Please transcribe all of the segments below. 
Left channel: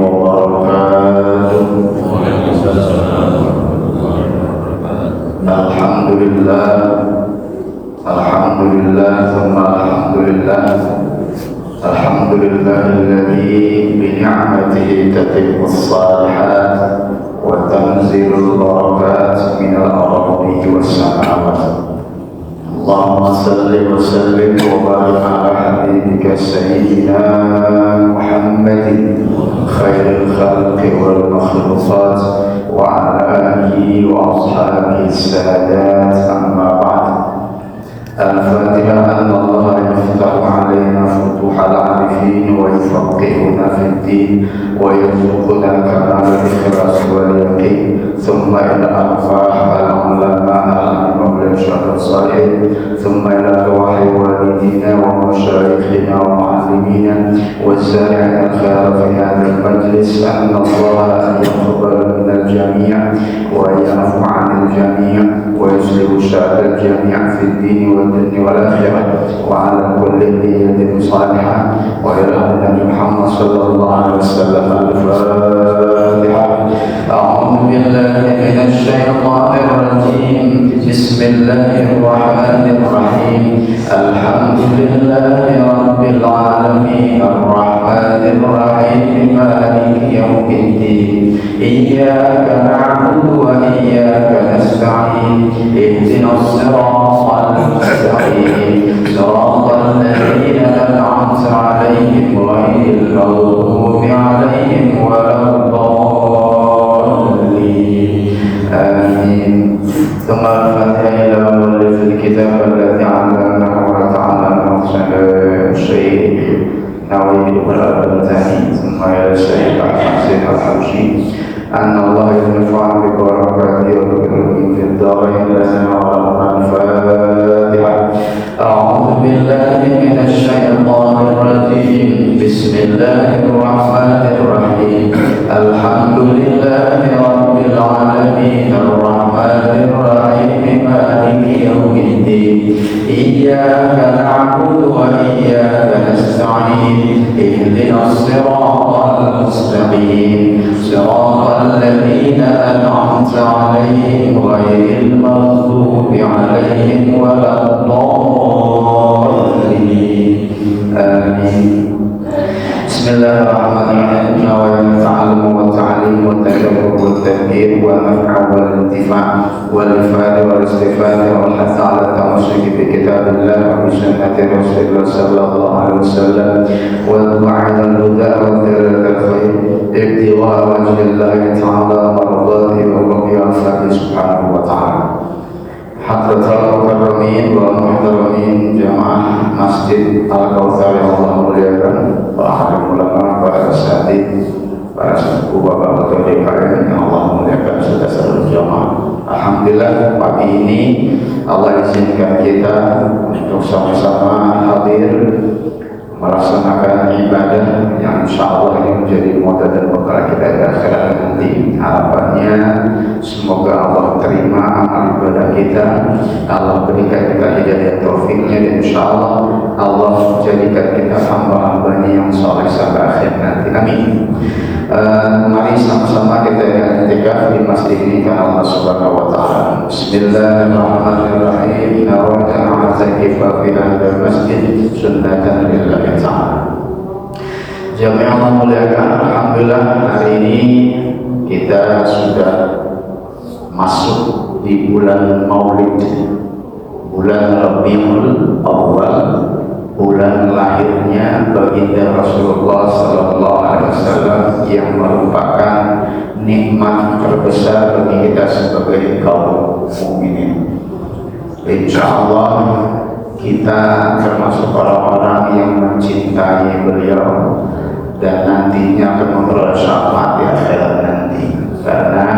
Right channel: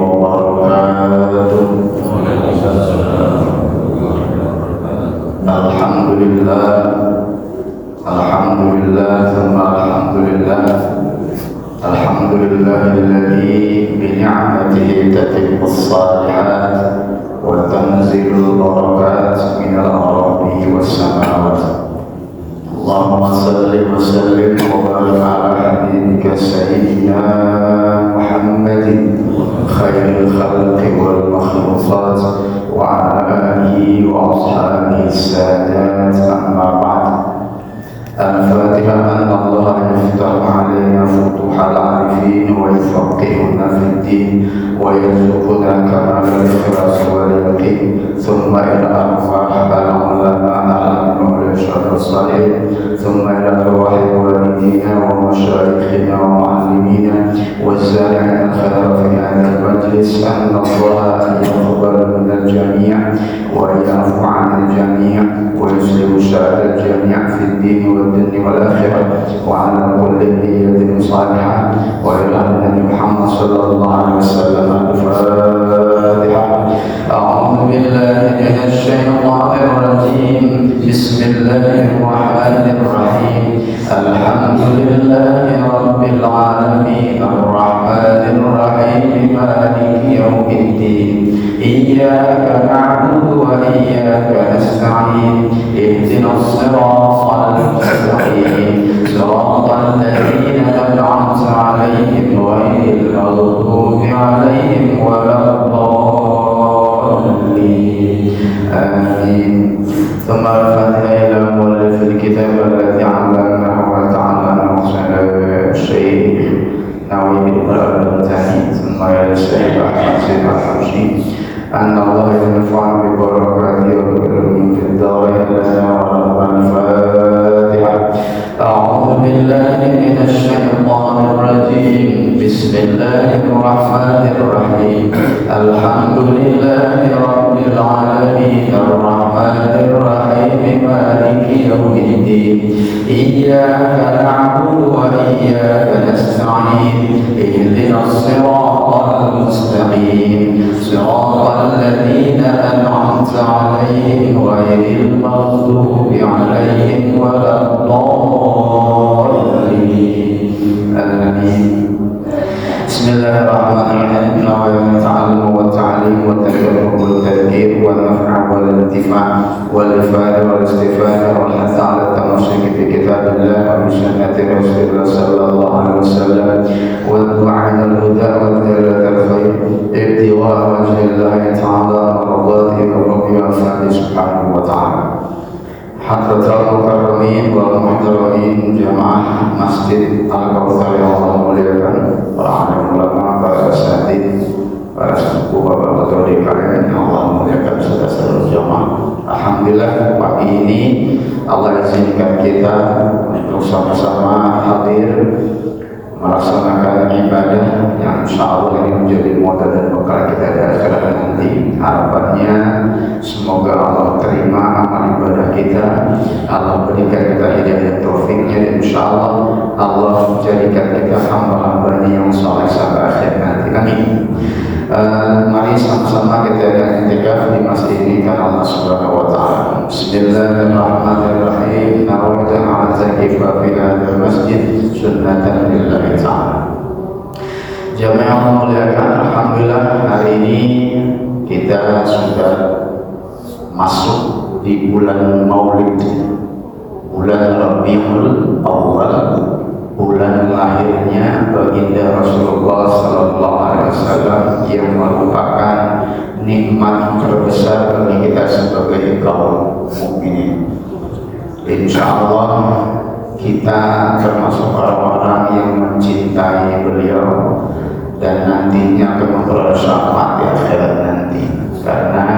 وبركاته. الحمد لله ثم الحمد لله. الحمد لله الذي بنعمته تتم الصالحات وتنزل البركات من الأراضي والسماوات. اللهم صل وسلم وبارك على حبيبك سيدنا محمد خير الخلق والمخلوقات وعلى آله وأصحابه السادات. أما بعد، الفاتحة أن الله يفتح علينا فتوح العارفين ويفقهنا في الدين ويرزقنا كمال الإخلاص واليقين، ثم إلى أرواح العلماء والشهر الصالحين، ثم إلى أرواح والدينا ومشايخنا ومعلمينا والسامعين الخير في هذا المجلس، أن الله يقبل من الجميع ويعفو عن الجميع ويسلم شأن الجميع في الدين والدنيا والآخرة، وعلى كل نية صالحة. وإلى النبي محمد صلى الله عليه وسلم الفاتحة. أعوذ بالله من الشيطان الرجيم. بسم الله الرحمن الرحيم. الحمد لله رب العالمين الرحمن الرحيم مالك يوم الدين. إياك نعبد وإياك نستعين. اهدنا الصراط المستقيم صراط الذين أنعمت عليهم غير المغضوب عليهم ولا الضالين. آمين. ثم الفاتحة إلى مؤلف الكتاب الذي علمنا وتعلمنا الشيخ نووي بن البرتاني، ثم إلى الشيخ حسين الحوشي، أن الله ينفع ببركاته وبالعلوم في الدارين. الفاتحة. أعوذ بالله من الشيطان الرجيم. بسم الله الرحمن الرحيم. الحمد لله رب العالمين الرحمن الرحيم مالك يوم الدين. إياك نعبد وإياك نستعين. اهدنا الصراط المستقيم صراط الذين أنعمت عليهم غير المغضوب عليهم ولا الضالين. آمين. بسم الله الرحمن الرحيم. ويتعلم والتعليم والتجرب والتذكير والنفع والانتفاع والإفادة والاستفادة والحث على التمسك بكتاب الله وبسنة رسول الله صلى الله عليه وسلم والدعاء إلى الهدى والدلالة الخير ابتغاء وجه الله تعالى ومرضاته والرضي والفضل سبحانه وتعالى. حضرة المكرمين والمحترمين جماعة Masjid Al-Kautsar yang Allah muliakan, para ulama, para asatidz, para sepuh, bapak-bapak DKM yang Allah muliakan sudah seluruh jamaah. Alhamdulillah pagi ini Allah izinkan kita untuk sama-sama hadir melaksanakan ibadah yang insyaallah ini menjadi modal dan bekal kita di akhirat nanti. Harapannya semoga Allah terima amal ibadah kita, Allah berikan kita hidayah taufiknya, dan insyaallah Allah jadikan kita hamba-hambanya yang saleh sampai akhir nanti. Amin. Mari sama-sama kita i'tikaf di masjid ini karena Allah Subhanahu wa taala. Bismillahirrahmanirrahim. Nawaitu i'tikaf fi hadzal masjid sunnatan lillahi ta'ala. Jamaah yang muliakan, alhamdulillah hari ini kita sudah masuk di bulan Maulid, bulan Rabiul Awal, bulan lahirnya baginda Rasulullah sallallahu alaihi wasallam yang merupakan nikmat terbesar bagi kita sebagai kaum mukminin. Insyaallah kita termasuk orang-orang yang mencintai beliau dan nantinya akan memperoleh syafaat di akhirat nanti. Karena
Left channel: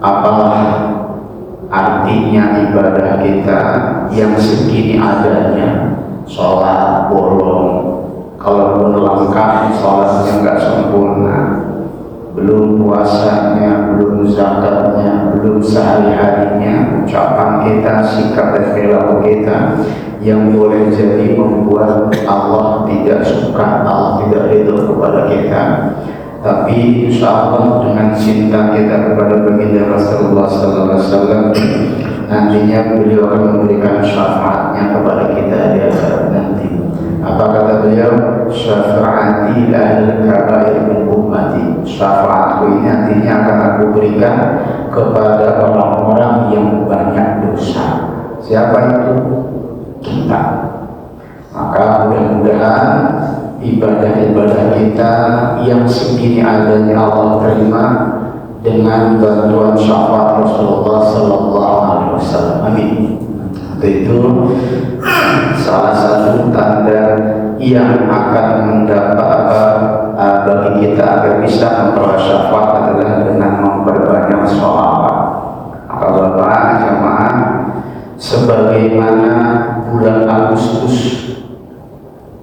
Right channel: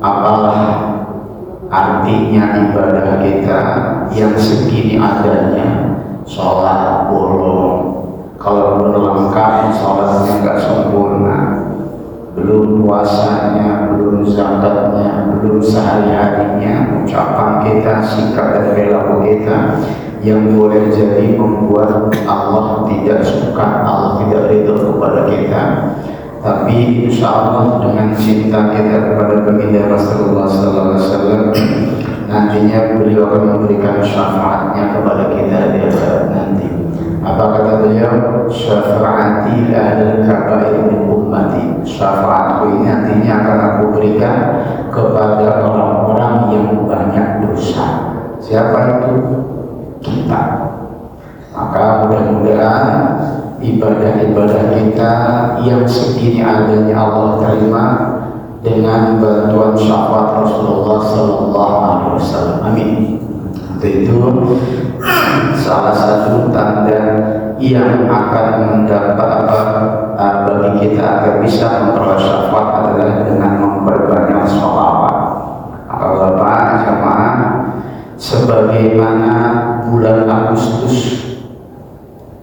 apalah artinya ibadah kita yang segini adanya, sholat bolong, kalau belum lengkap sholatnya nggak sempurna, belum puasanya, belum zakatnya, belum sehari-harinya, ucapan kita, sikap dan perilaku kita yang boleh jadi membuat Allah tidak suka, Allah tidak ridho kepada kita. insyaallah dengan cinta kita kepada baginda Rasulullah sallallahu alaihi wasallam, nantinya beliau akan memberikan syafaatnya kepada kita di akhirat nanti. Apa kata beliau? Syafaati al-kabair min ummati. Syafaatku ini nantinya akan aku berikan kepada orang-orang yang banyak dosa. Siapa itu? Kita. Maka mudah-mudahan ibadah-ibadah kita yang segini adanya Allah terima dengan bantuan syafaat Rasulullah sallallahu alaihi wasallam. Amin. Itu salah satu tanda yang akan mendapat bagi kita agar bisa memperoleh syafaat adalah dengan memperbanyak sholawat. Maka Bapak jemaah, sebagaimana bulan Agustus,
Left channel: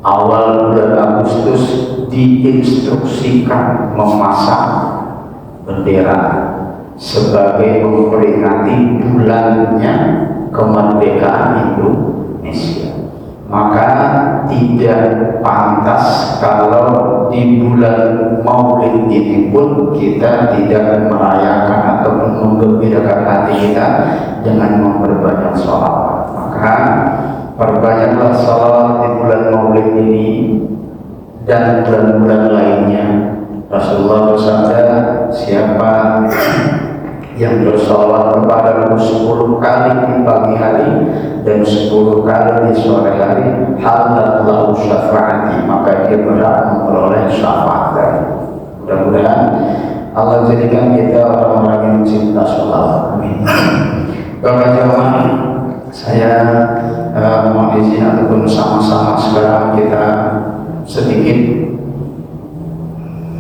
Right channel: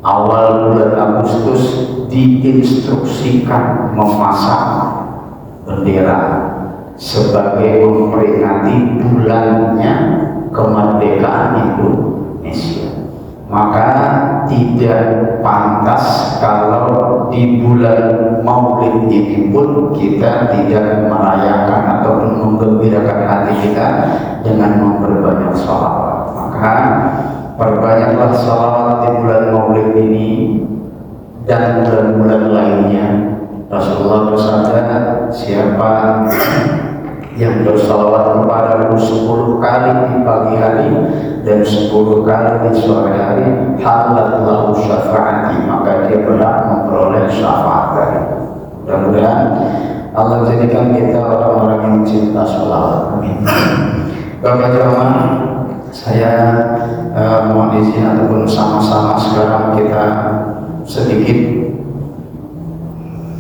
awal bulan Agustus diinstruksikan memasang bendera sebagai memperingati bulannya kemerdekaan Indonesia. Maka tidak pantas kalau di bulan Maulid ini pun kita tidak merayakan atau menggembirakan hati kita dengan memperbanyak sholawat. Maka perbanyaklah sholawat di bulan Maulid ini dan bulan-bulan lainnya. Rasulullah bersabda, siapa yang bersalawat kepadaku 10 kali di pagi hari dan 10 kali di sore hari, halat lahu syafaati, maka dia berhak memperoleh syafaat dari. Mudah-mudahan Allah jadikan kita orang-orang yang cinta sholawat. Amin. Bapak jemaah, saya mohon izin ataupun sama-sama sekarang kita sedikit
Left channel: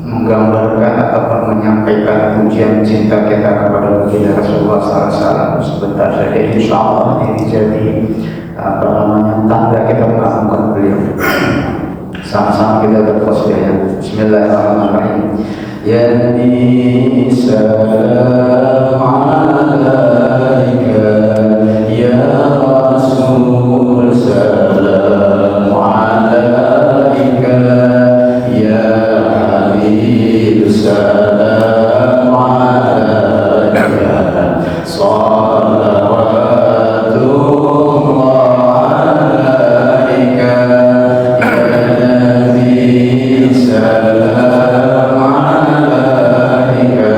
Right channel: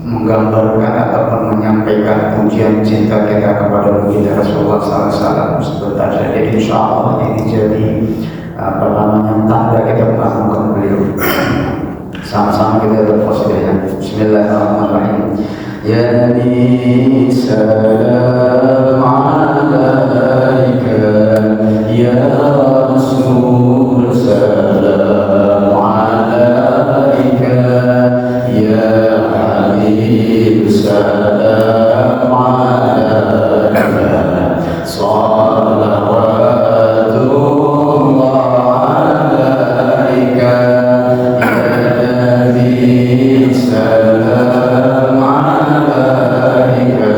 menggambarkan ataupun menyampaikan pujian cinta kita kepada baginda Rasulullah SAW. Sebentar saja insya Allah ini jadi tanda kita mengagungkan beliau. Sama-sama kita bertasbih. Bismillahirrahmanirrahim. Ya Nabi salam alaika, ya Rasul salam alaika, ya Habib salam alaika, salawatullah alaika, ya Nabi salam alaika,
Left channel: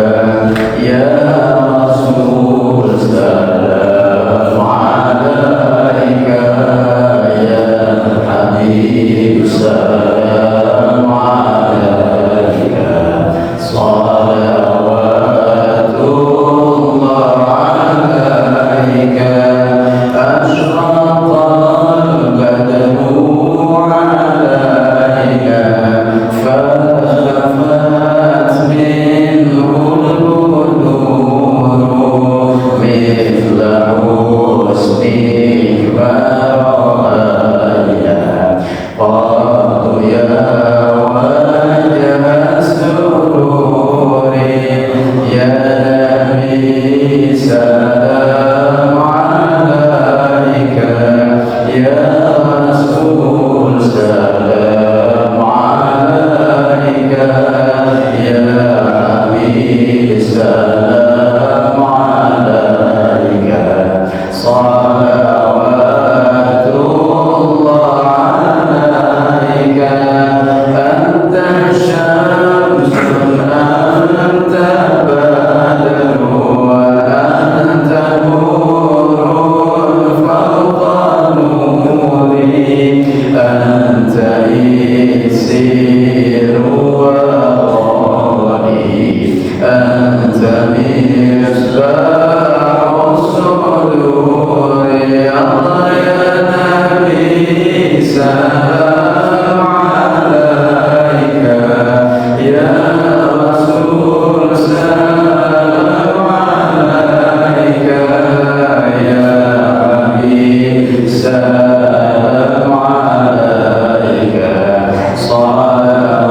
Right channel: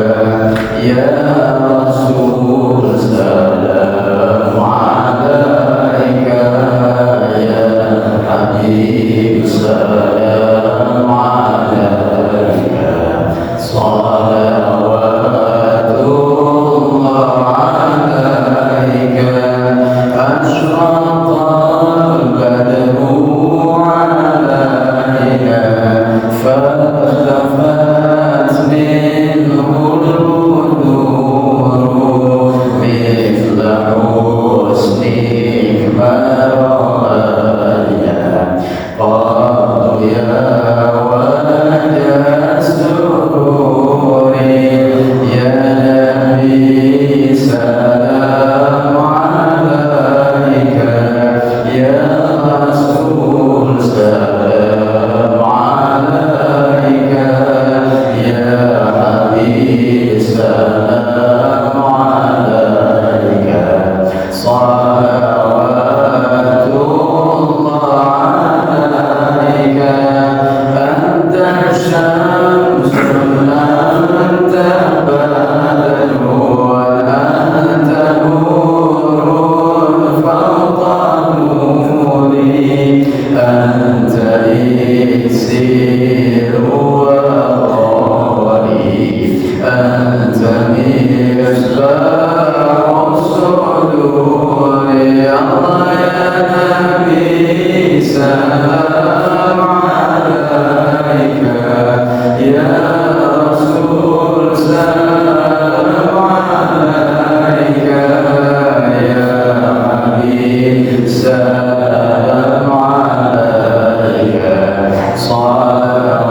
ya Rasul salam alaika, ya Habib salam alaika, salawatullah alaika, asyraqal badru alaika, fakhafat minhu al-qulub mithla husnik baraya, qalu ya wajah sururi, ya Nabi salam alaika, ya Rasul salam alaika, ya Habib salam alaika, salawatullah alaika, anta syamsun anta badru wa anta nurun fawqa nuri, anta isiru wa qari, anta misbahu sururi, Allah ya Nabi salam alaika, ya Rasul salam alaika, ya Habib salam alaika, salawatullah alaika,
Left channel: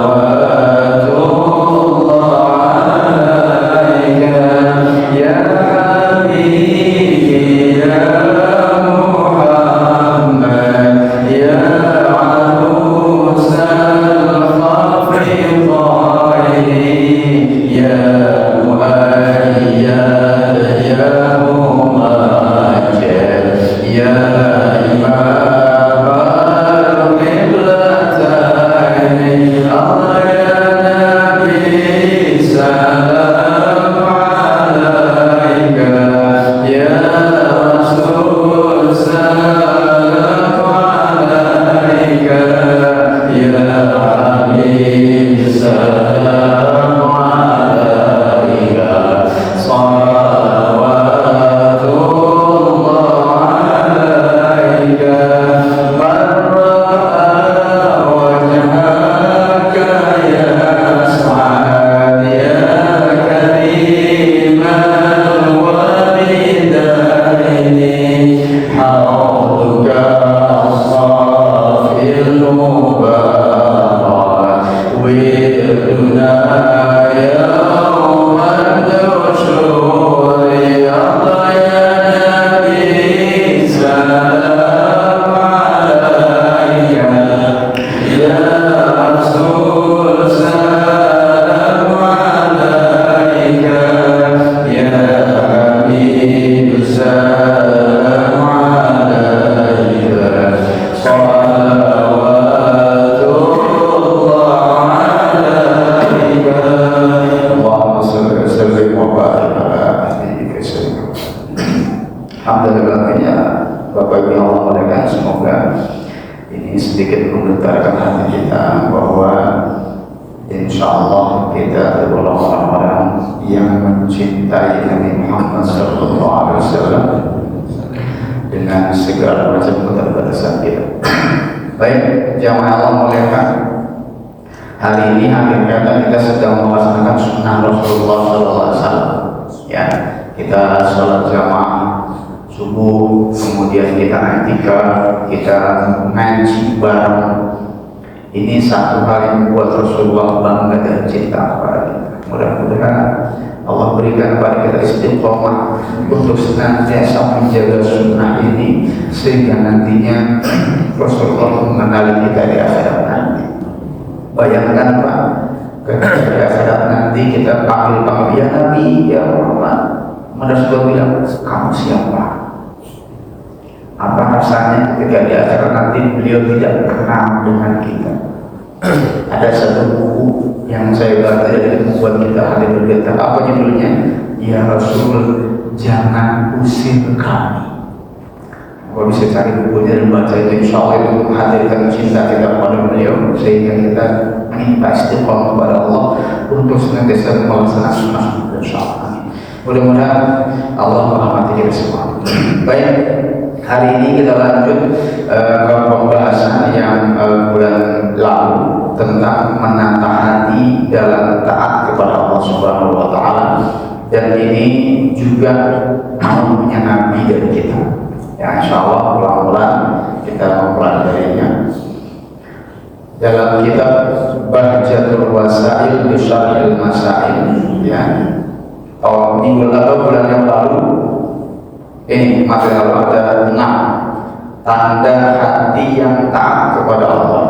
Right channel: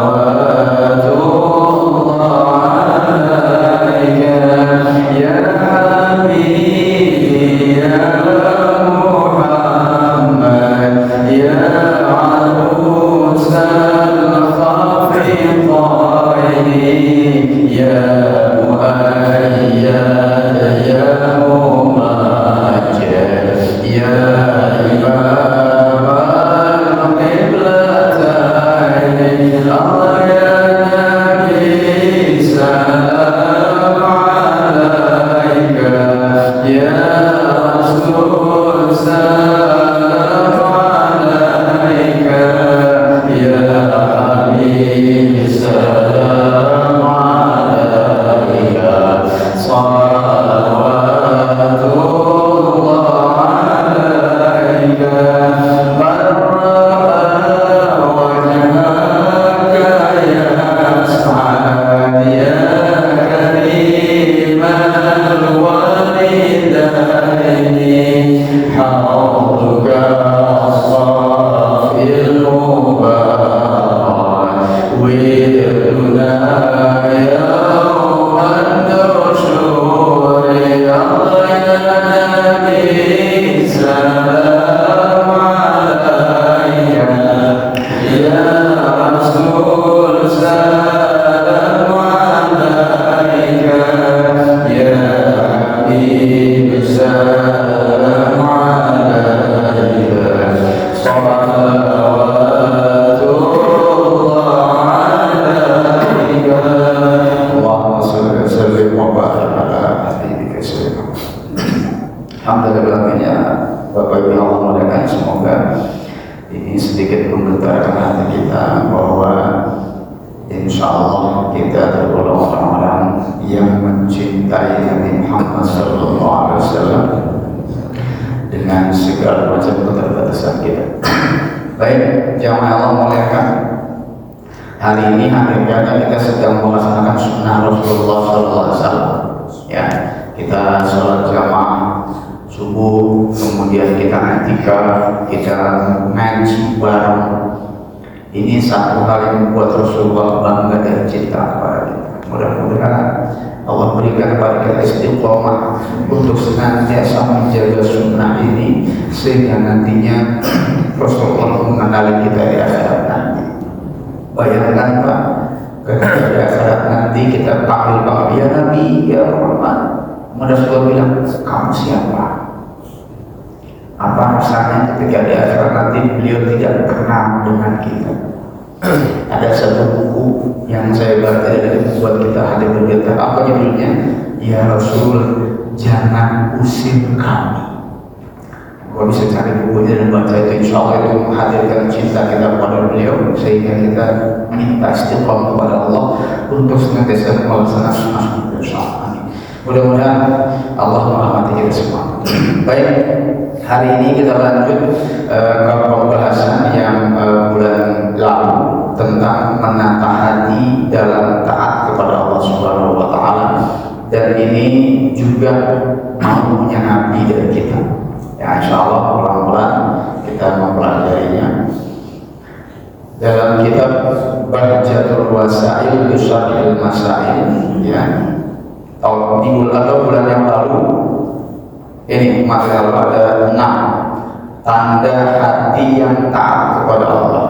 ya Habib ya Muhammad, ya arusal khafiqaini, Ini satu hal yang membuat Rasulullah bangga dan cinta kepada kita. Mudah-mudahan Allah berikan kepada kita istiqomah untuk senantiasa menjaga sunnah ini sehingga nantinya Rasulullah mengenali kita di akhirat nanti. Bayangkan Pak, ketika di akhirat nanti kita panggil ya Nabi, ya Rahman. Rasulullah bilang, kamu siapa? Apa rasanya ketika di akhirat nanti beliau tidak kenal dengan kita? Ada satu buku yang saya baca dari membuat kita hati bergetar. Apa judulnya? Ya Rasul, jangan usir kami. Kalau bisa cari bukunya dan baca itu, insya Allah itu menghadirkan cinta kita kepada beliau sehingga kita minta istiqomah kepada Allah untuk senantiasa melaksanakan sunnah bersama. Mudah-mudahan Allah merahmati kita semua. Baik, hari ini kita lanjut ke pembahasan yang bulan lalu tentang menata hati dalam taat kepada Allah Subhanahu wa taala, dan ini juga maunya Nabi dari kita. Ya, insyaallah pelan-pelan kita mempelajarinya dalam kitab Bahjatul Wasail bi Syarhil Masail, ya. Minggu lalu, bulan yang lalu ini material ada 6 tanda hati yang taat kepada Allah.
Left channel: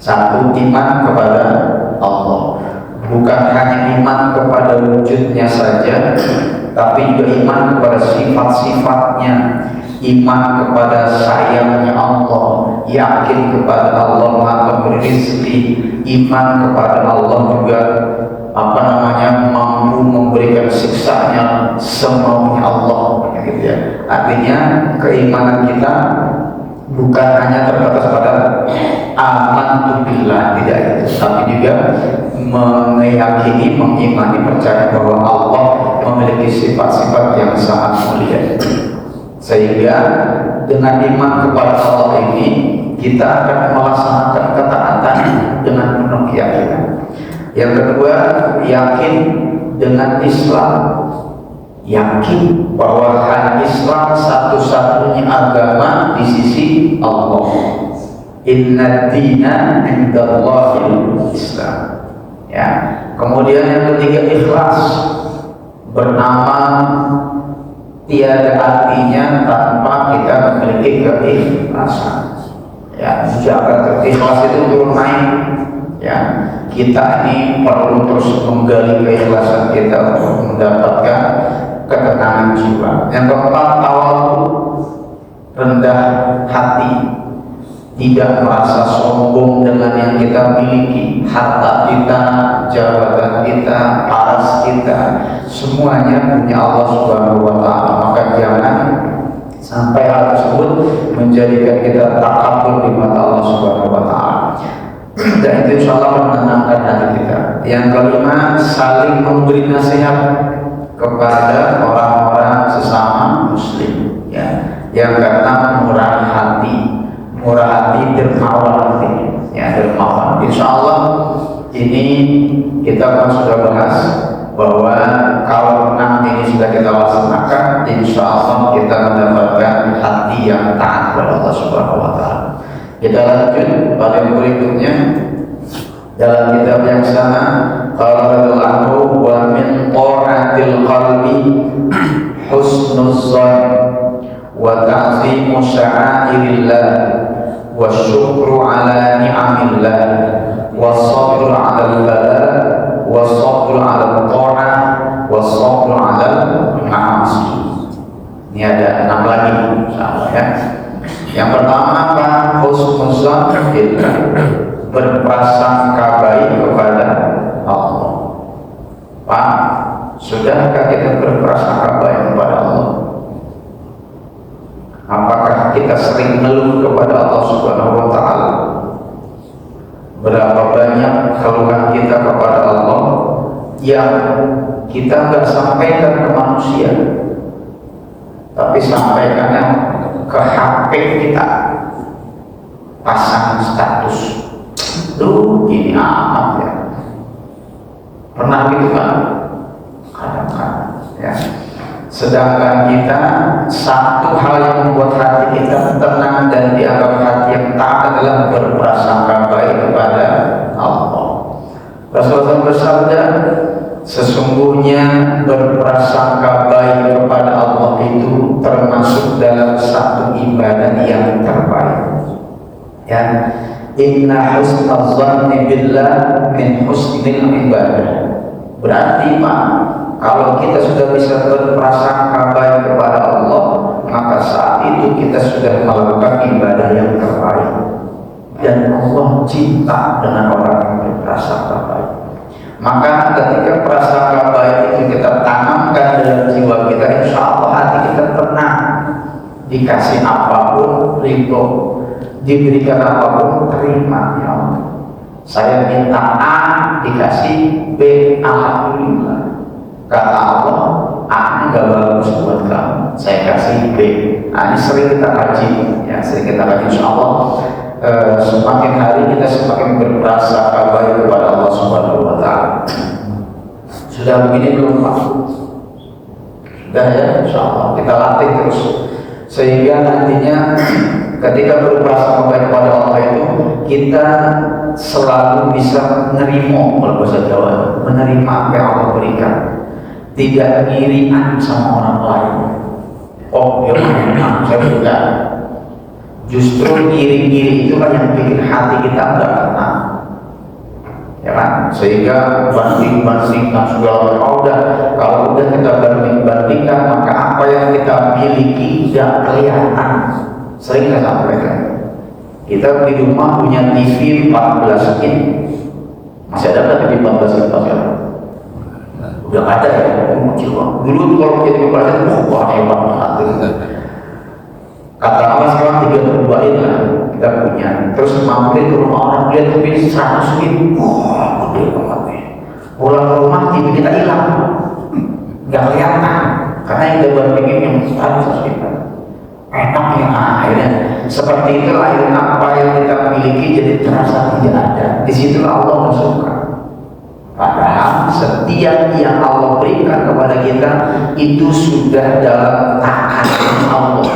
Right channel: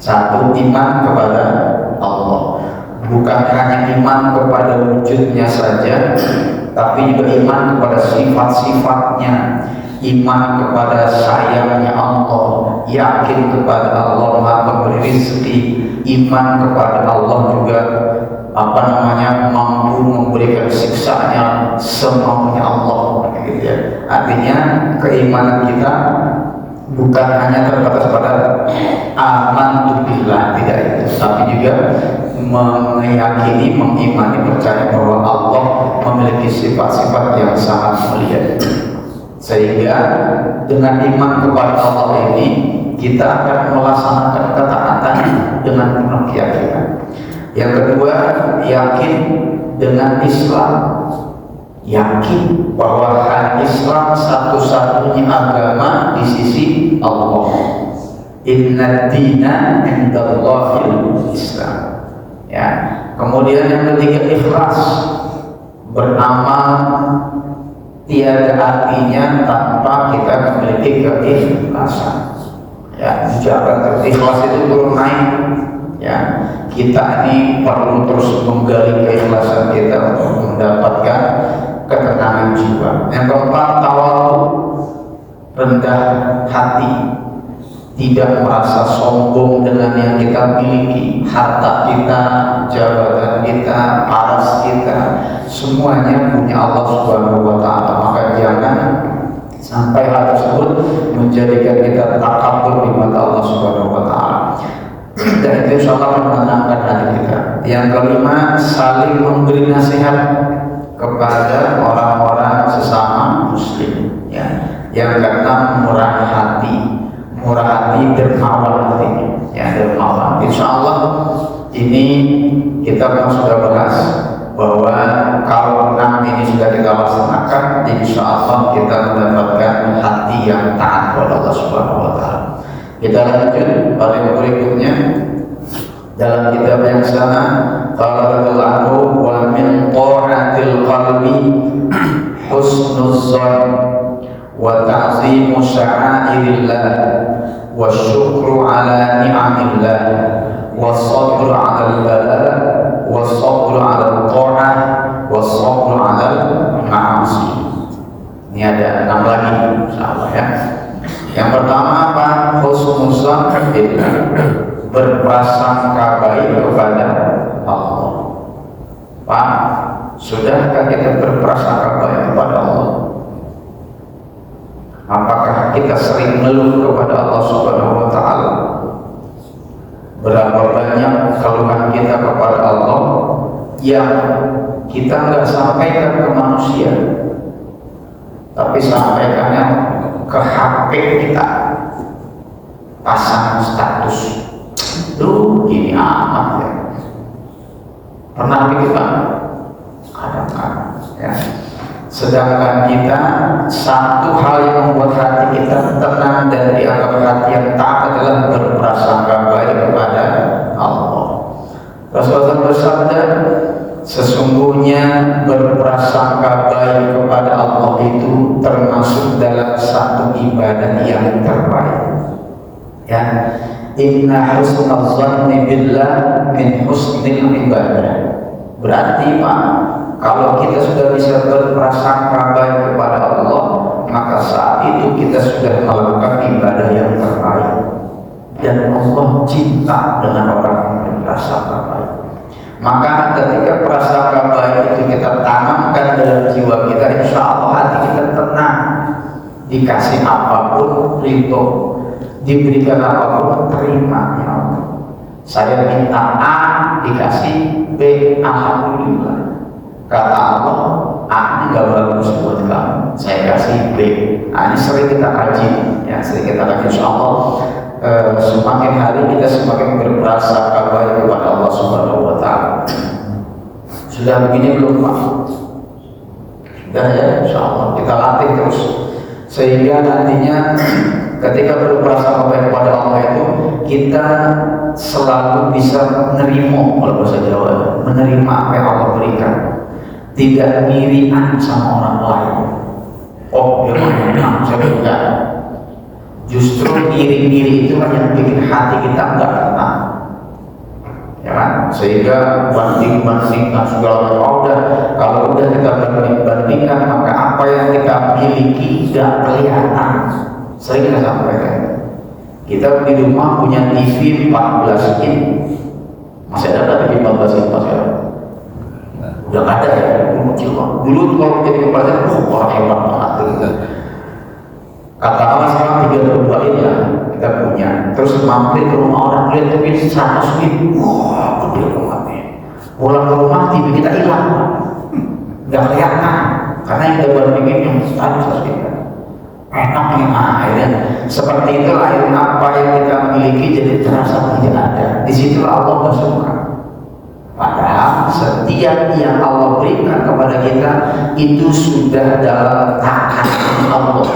1, iman kepada Allah, bukan hanya iman kepada wujudnya saja, tapi juga iman kepada sifat-sifatnya, iman kepada sayangnya Allah, yakin kepada Allah Maha Pemberi rezeki, iman kepada Allah juga mampu memberikan siksanya semaunya Allah, gitu ya. Artinya keimanan kita bukan hanya terbatas pada amantu billah, tidak itu, tapi juga meyakini, mengimani, percaya bahwa Allah memiliki sifat-sifat yang sangat mulia. Sehingga dengan iman kepada Allah ini kita akan melaksanakan ketaatan dengan penuh keyakinan. Yang kedua, yakin dengan Islam, yakin bahwa Islam satu-satunya agama di sisi Allah. Inna dina indallahil Islam. Ya. Kemudian yang ketiga, ikhlas, bernama tiada artinya tanpa kita memiliki keikhlasan. Ya, ucapan ikhlas itu turun naik. Ya, kita ini perlu terus menggali keikhlasan kita untuk mendapatkan ketenangan jiwa. Yang keempat, tawadhu, rendah hati, tidak merasa sombong dengan yang kita miliki, harta kita, jabatan kita, paras kita, semuanya punya Allah Subhanahu wa taala. Maka jangan sampai hal tersebut menjadikan kita takabur di mata Allah Subhanahu wa taala. Dan itu insyaallah menenangkan hati kita. Yang kelima, saling memberi nasihat kepada orang-orang sesama muslim, ya. Yang keenam, murah hati dermawan hati, ya, dermawan. Insyaallah ini kita kan sudah bahas bahwa kalau 6 ini sudah kita laksanakan, insyaallah kita mendapatkan hati yang taat kepada Allah Subhanahu wa taala. Kita lanjut pada yang berikutnya Dalam kitab yang sama, qala Allahu wa min qurratil qalbi husnuz dzan wa ta'zimu sya'airillah wa syukru ala ni'amillah wa sabru ala al-bala wa sabru ala al-ta'ah wa sabru ala al-ma'asi. Ini ada 6 lagi ya. Yang pertama apa? Husnuz dzan, berprasangka baik kepada Allah. Pak, sudahkah kita berprasangka baik kepada Allah? Apakah kita sering ngeluh kepada Allah Subhanahu wa Ta'ala? Berapa banyak keluhan kita kepada Allah yang kita nggak sampaikan ke manusia, tapi sampaikannya ke HP kita, pasang status. Lu gini amat ya. Pernah gitu kan? Ya. Sedangkan kita, satu hal yang membuat hati kita tenang dan dianggap hati yang taat adalah berprasangka baik kepada Allah. Rasulullah bersabda, sesungguhnya berprasangka baik kepada Allah itu termasuk dalam satu ibadah yang terbaik. Ya. Inna husnul dzanni billah min husnil ibadah. Berarti Pak, kalau kita sudah bisa berprasangka baik kepada Allah, maka saat itu kita sudah melakukan ibadah yang terbaik. Dan Allah cinta dengan orang yang berprasangka baik. Maka ketika prasangka baik itu kita tanamkan dalam jiwa kita, insya Allah hati kita tenang. Dikasih apapun ridho, diberikan apapun terima. Ya, saya minta A dikasih B, alhamdulillah. Kata Allah, A ini gak bagus buat kamu, saya kasih B. Nah, ini sering kita kaji, ya sering kita kaji. Insya Allah semakin hari kita semakin berprasangka baik kepada Allah Subhanahu wa Ta'ala. Sudah begini belum Pak? Sudah ya, insya Allah kita latih terus sehingga nantinya ketika berprasangka baik kepada Allah itu kita selalu bisa menerima, kalau bahasa Jawa, menerima apa yang Allah berikan, tidak irian sama orang lain. Oh, ya, saya tidak. Justru iri-iri itulah yang bikin hati kita nggak tenang, ya kan? Sehingga banding-bandingkan segala udah, kalau udah kita banding-bandingkan, maka apa yang kita miliki tidak kelihatan. Sering saya sampaikan, kita di rumah punya TV 14 in, masih ada TV 14 in masih ada? Udah ada ya, dulu kalau jadi pelajaran, wah hebat banget. Katakanlah sekarang 32 in lah kita punya, terus mampir ke rumah orang lihat TV 100 in, wah gede banget nih. Pulang ke rumah TV kita hilang, nggak kelihatan, karena yang udah bikin yang 100 in. Enak nih, akhirnya seperti itulah apa yang kita miliki jadi terasa tidak ada. Di situ Allah suka. Padahal setiap yang Allah berikan kepada kita itu sudah dalam tangan Allah,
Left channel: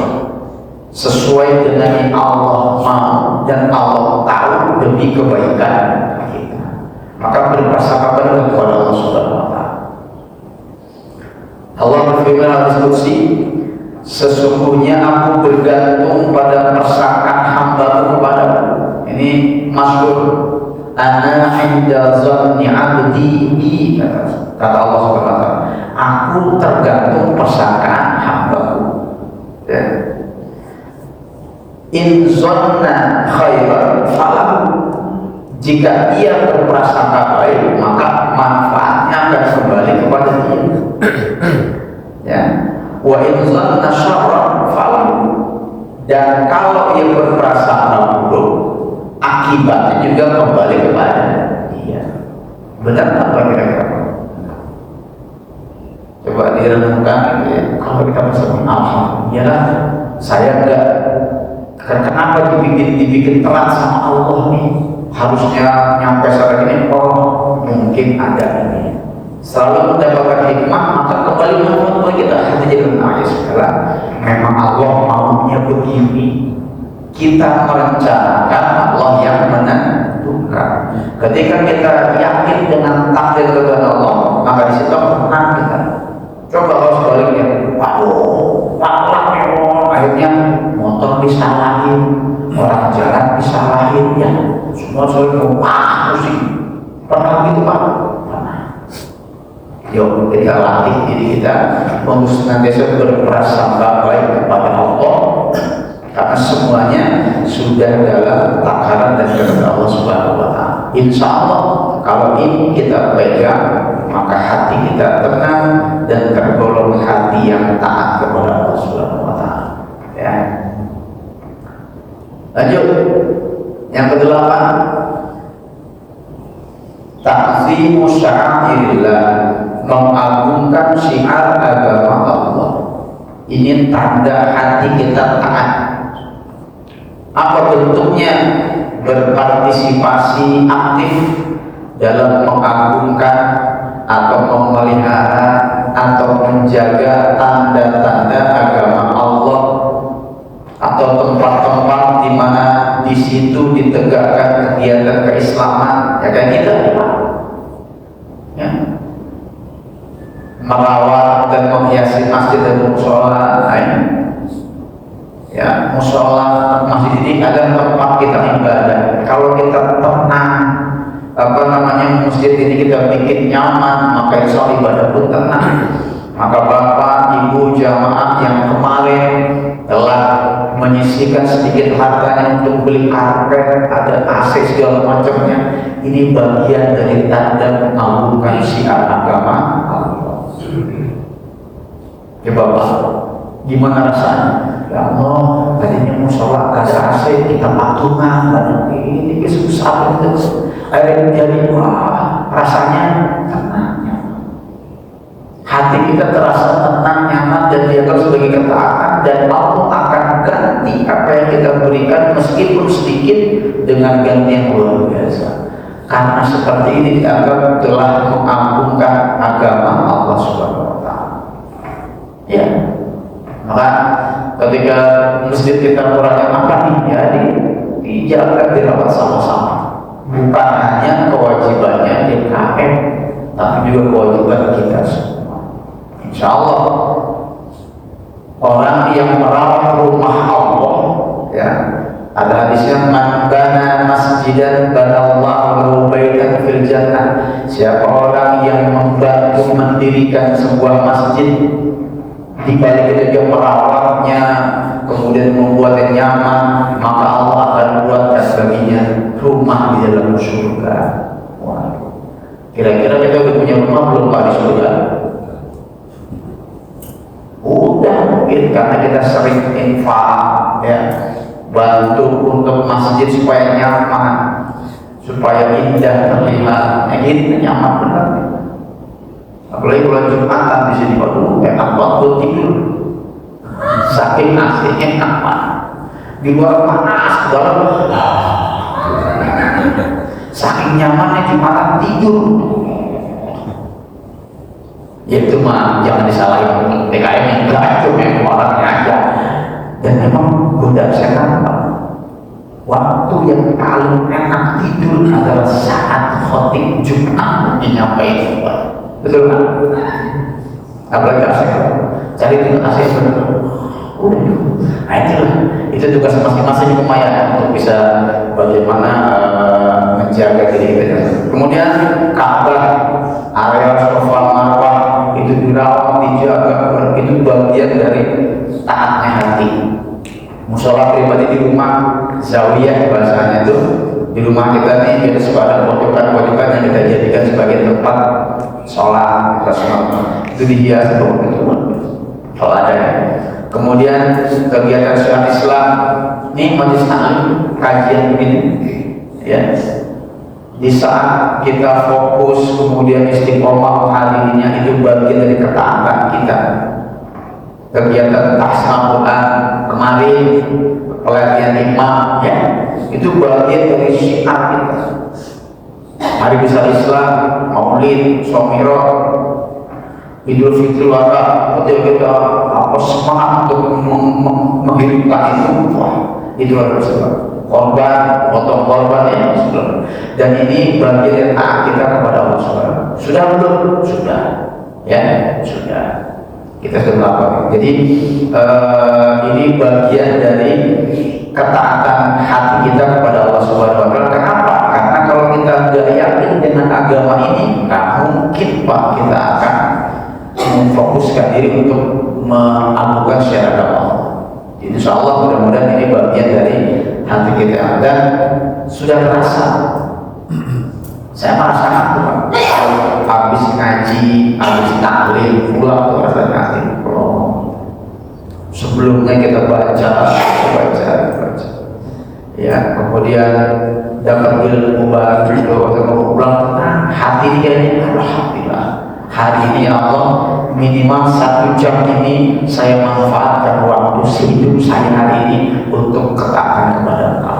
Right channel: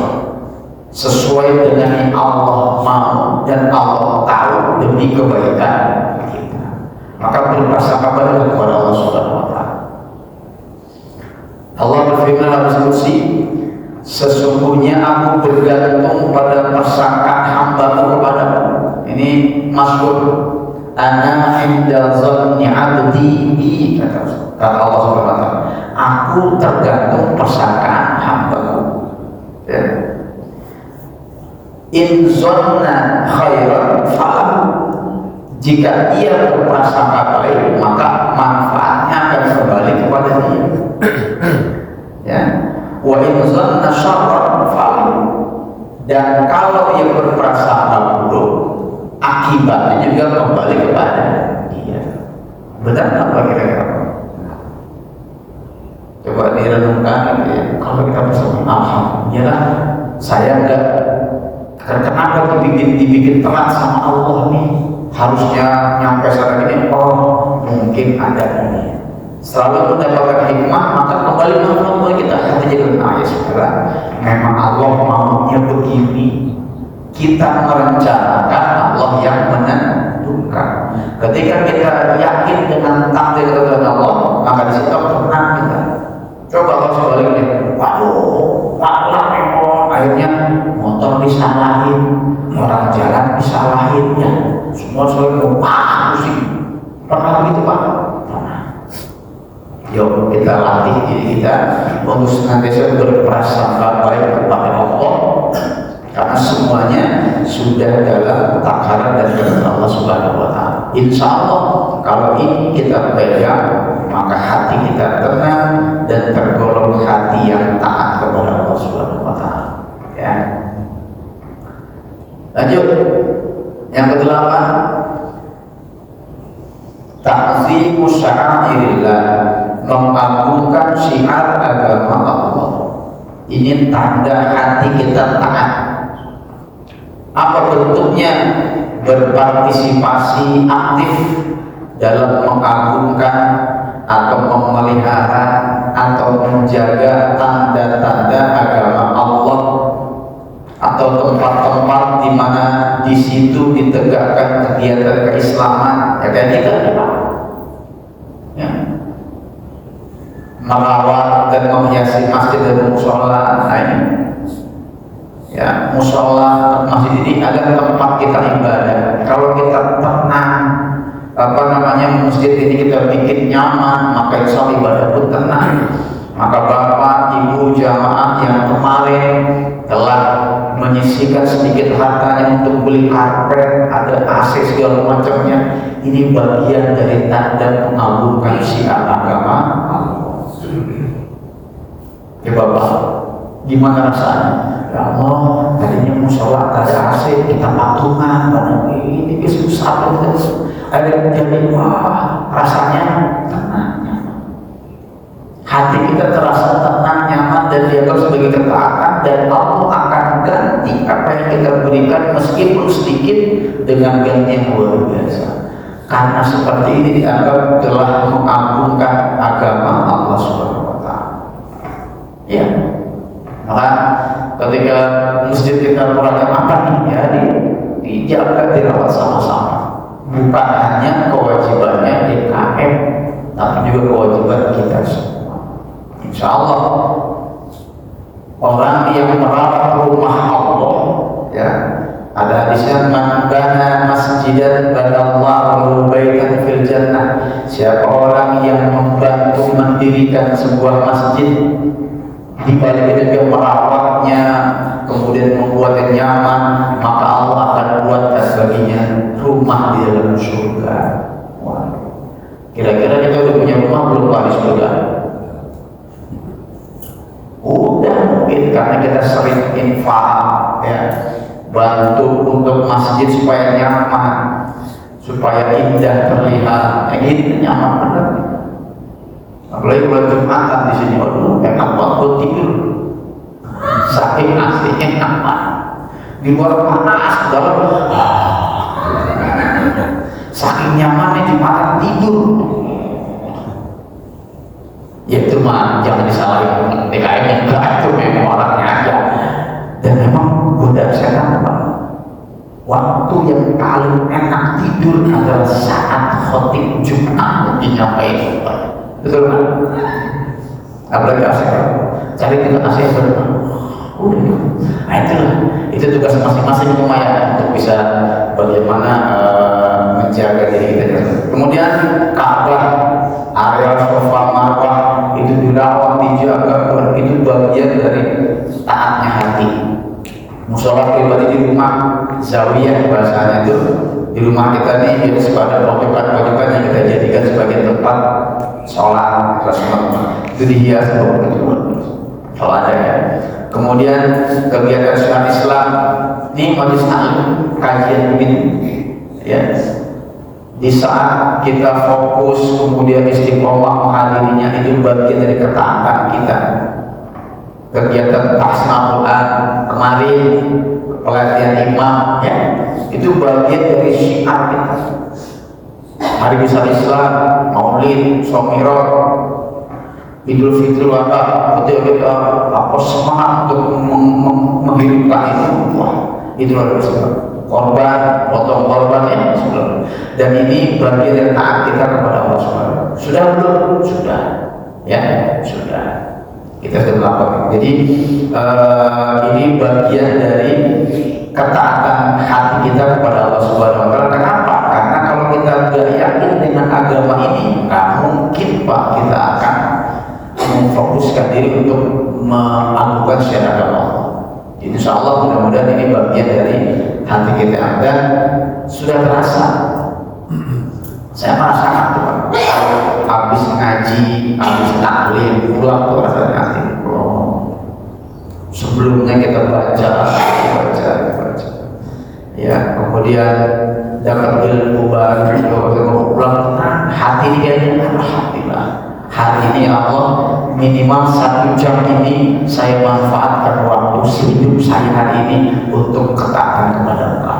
sesuai dengan yang Allah mau dan Allah tahu demi kebaikan kita. Maka berprasangka baik kepada Allah Subhanahu wa Ta'ala. Allah berfirman dalam kursi, sesungguhnya aku bergantung pada persangkaan hamba-Mu kepadamu. Ini masyhur, ana inda zanni 'abdi bi, kata Allah Subhanahu wa Ta'ala. Aku tergantung persangkaan hamba-Ku. Ya. In zanna khairan falahu. Jika ia berprasangka baik, maka manfaatnya akan kembali kepada dia. Ya. Wa in zanna syarran falahu. Dan kalau ia berprasangka buruk, akibatnya juga kembali kepada dia. Benar apa kira-kira? Coba direnungkan ya. Kalau kita bisa alhamdulillah, saya enggak, kenapa dibikin terat sama Allah nih? Harusnya nyampe saat ini, oh mungkin ada ini. Selalu mendapatkan hikmah, maka kembali menghormati kita. Hati jadi Bismillah. Memang Allah maunya begini. Kita merencanakan, Allah yang menentukan. Ketika kita kita yakin dengan takdir kepada Allah, maka di situ tenang kita. Coba kalau sebaliknya, waduh, akhirnya motor disalahin, orang jalan disalahin, ya semua selalu pusing. Pernah gitu Pak? Yuk kita latih diri kita untuk senantiasa berprasangka baik kepada Allah, karena semuanya sudah dalam takaran dan kehendak Allah Subhanahu wa Ta'ala. Insya Allah kalau ini kita pegang, maka hati kita tenang dan tergolong hati yang taat kepada Allah Subhanahu wa Ta'ala. Ya. Lanjut yang ke-8, ta'zimu sya'airillah, mengagungkan syiar agama Allah. Ini tanda hati kita taat. Apa bentuknya? Berpartisipasi aktif dalam mengagungkan atau memelihara atau menjaga tanda-tanda agama Allah, atau tempat-tempat di mana di situ ditegakkan kegiatan keislaman, ya kan gitu. Ya. Merawat dan menghiasi masjid dan musola, ya musola masjid ini adalah tempat kita ibadah. Kalau kita tenang, masjid ini kita bikin nyaman, maka insya Allah ibadah pun tenang. Maka bapak, ibu, jamaah yang kemarin telah menyisihkan sedikit hartanya untuk beli karpet, ada AC segala macamnya, ini bagian dari tanda mengagungkan syiar agama. Ya bapak, gimana rasanya? Ya Allah, tadinya mau sholat ada AC, kita patungan, ini susah gitu. Akhirnya jadi wah, rasanya tenang. Hati kita terasa tenang, nyaman, dan dianggap sebagai ketaatan, dan Allah akan ganti apa yang kita berikan meskipun sedikit dengan ganti yang luar biasa. Karena seperti ini dianggap telah mengagungkan agama Allah Subhanahu wa Ta'ala. Ya, maka ketika masjid kita mulai apa nih, ya dijaga, dirawat sama-sama. Bukan hanya kewajibannya DKM, tapi juga kewajiban kita semua. Insya Allah orang yang merawat rumah Allah, ya ada hadisnya, man bana masjidan banallahu baitan fil jannah. Siapa orang yang membantu mendirikan sebuah masjid, dibalik dia merawatnya, kemudian membuatnya nyaman, maka Allah akan buatkan baginya rumah di dalam surga. Kira-kira kita udah punya rumah belum Pak di surga? Udah mungkin, karena kita sering infak, ya, bantu untuk masjid supaya nyaman, supaya indah terlihat. Ini nyaman benar. Apalagi bulan Jumatan di sini, memang waktu tidur, saking aslinya di luar panas, saking nyamannya Jumatan tidur. Ya itu mah jangan disalahin TKM yang enggak, itu memang orangnya aja. Dan memang Bunda saya waktu yang paling enak tidur adalah saat khotib Jumat menyampaikan. Betul kan? Apalagi asik, cari tidur asik. Nah itu tugas masing-masing rumah ya, untuk bisa bagaimana menjaga diri kita. Kemudian Ka'bah, area Safa Marwah itu dirawat, dijaga, itu bagian dari taatnya hati. Musola pribadi di rumah, zawiyah bahasanya itu, di rumah kita nih kita suka ada pojokan-pojokan yang kita jadikan sebagai tempat sholat, itu dihias kalau ada. Kemudian kegiatan syiar Islam ini majelis taklim kajian begini, ya. Di saat kita fokus kemudian istiqomah menghadirinya, itu bagian dari ketaatan kita. Kegiatan tahsin Quran kemarin, pelatihan imam, ya, itu bagian dari syiar kita. Hari Besar Islam, Maulid, Shomiro, Idul Fitri, Wabah, ketika kita semangat untuk menghidupkan itu luar biasa. korban, potong korban ya sebelum. Dan ini bagian dari taat kita kepada Allah SWT. Sudah belum? Sudah. Ya, sudah. Kita sudah melakukan. Jadi ini bagian dari ketaatan hati kita kepada Allah SWT. Kenapa? Karena kalau kita tidak yakin dengan agama ini, nggak mungkin Pak kita akan memfokuskan diri untuk melakukan syariat Allah. Jadi insya Allah mudah-mudahan ini bagian dari hati kita dan sudah terasa. Saya merasakan habis ngaji, habis taklim, pulang tuh rasa hati. Sebelumnya kita baca, ya kemudian dapat ilmu baru, pulang hati ini kayaknya alhamdulillah. Hari ini ya Allah minimal 1 jam ini saya manfaatkan waktu hidup saya hari ini untuk ketaatan kepada Allah.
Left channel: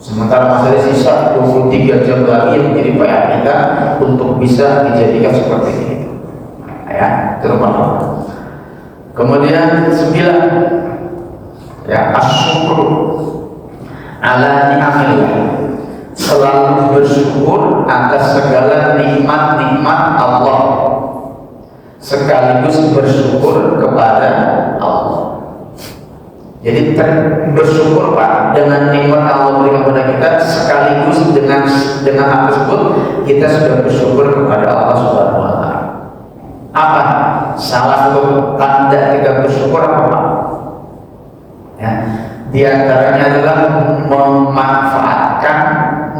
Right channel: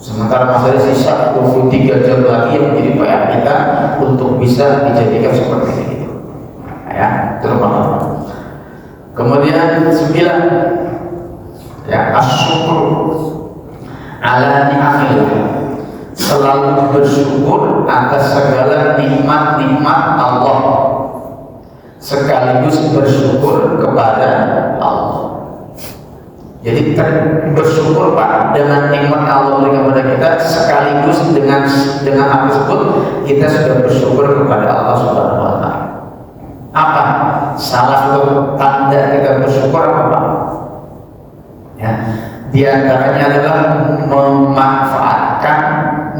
Sementara masih sisa 23 jam lagi yang menjadi PR kita untuk bisa dijadikan seperti ini. Ya, terutama. Kemudian 9 ya asyukur ala ni'amillah, selalu bersyukur atas segala nikmat-nikmat Allah, sekaligus bersyukur kepada Allah. Jadi bersyukur Pak dengan nikmat Allah berikan kepada kita, sekaligus dengan hal tersebut kita sudah bersyukur kepada Allah Subhanahu wa taala. Apa? Salah satu tanda kita bersyukur apa? Ya, di antaranya adalah memanfaatkan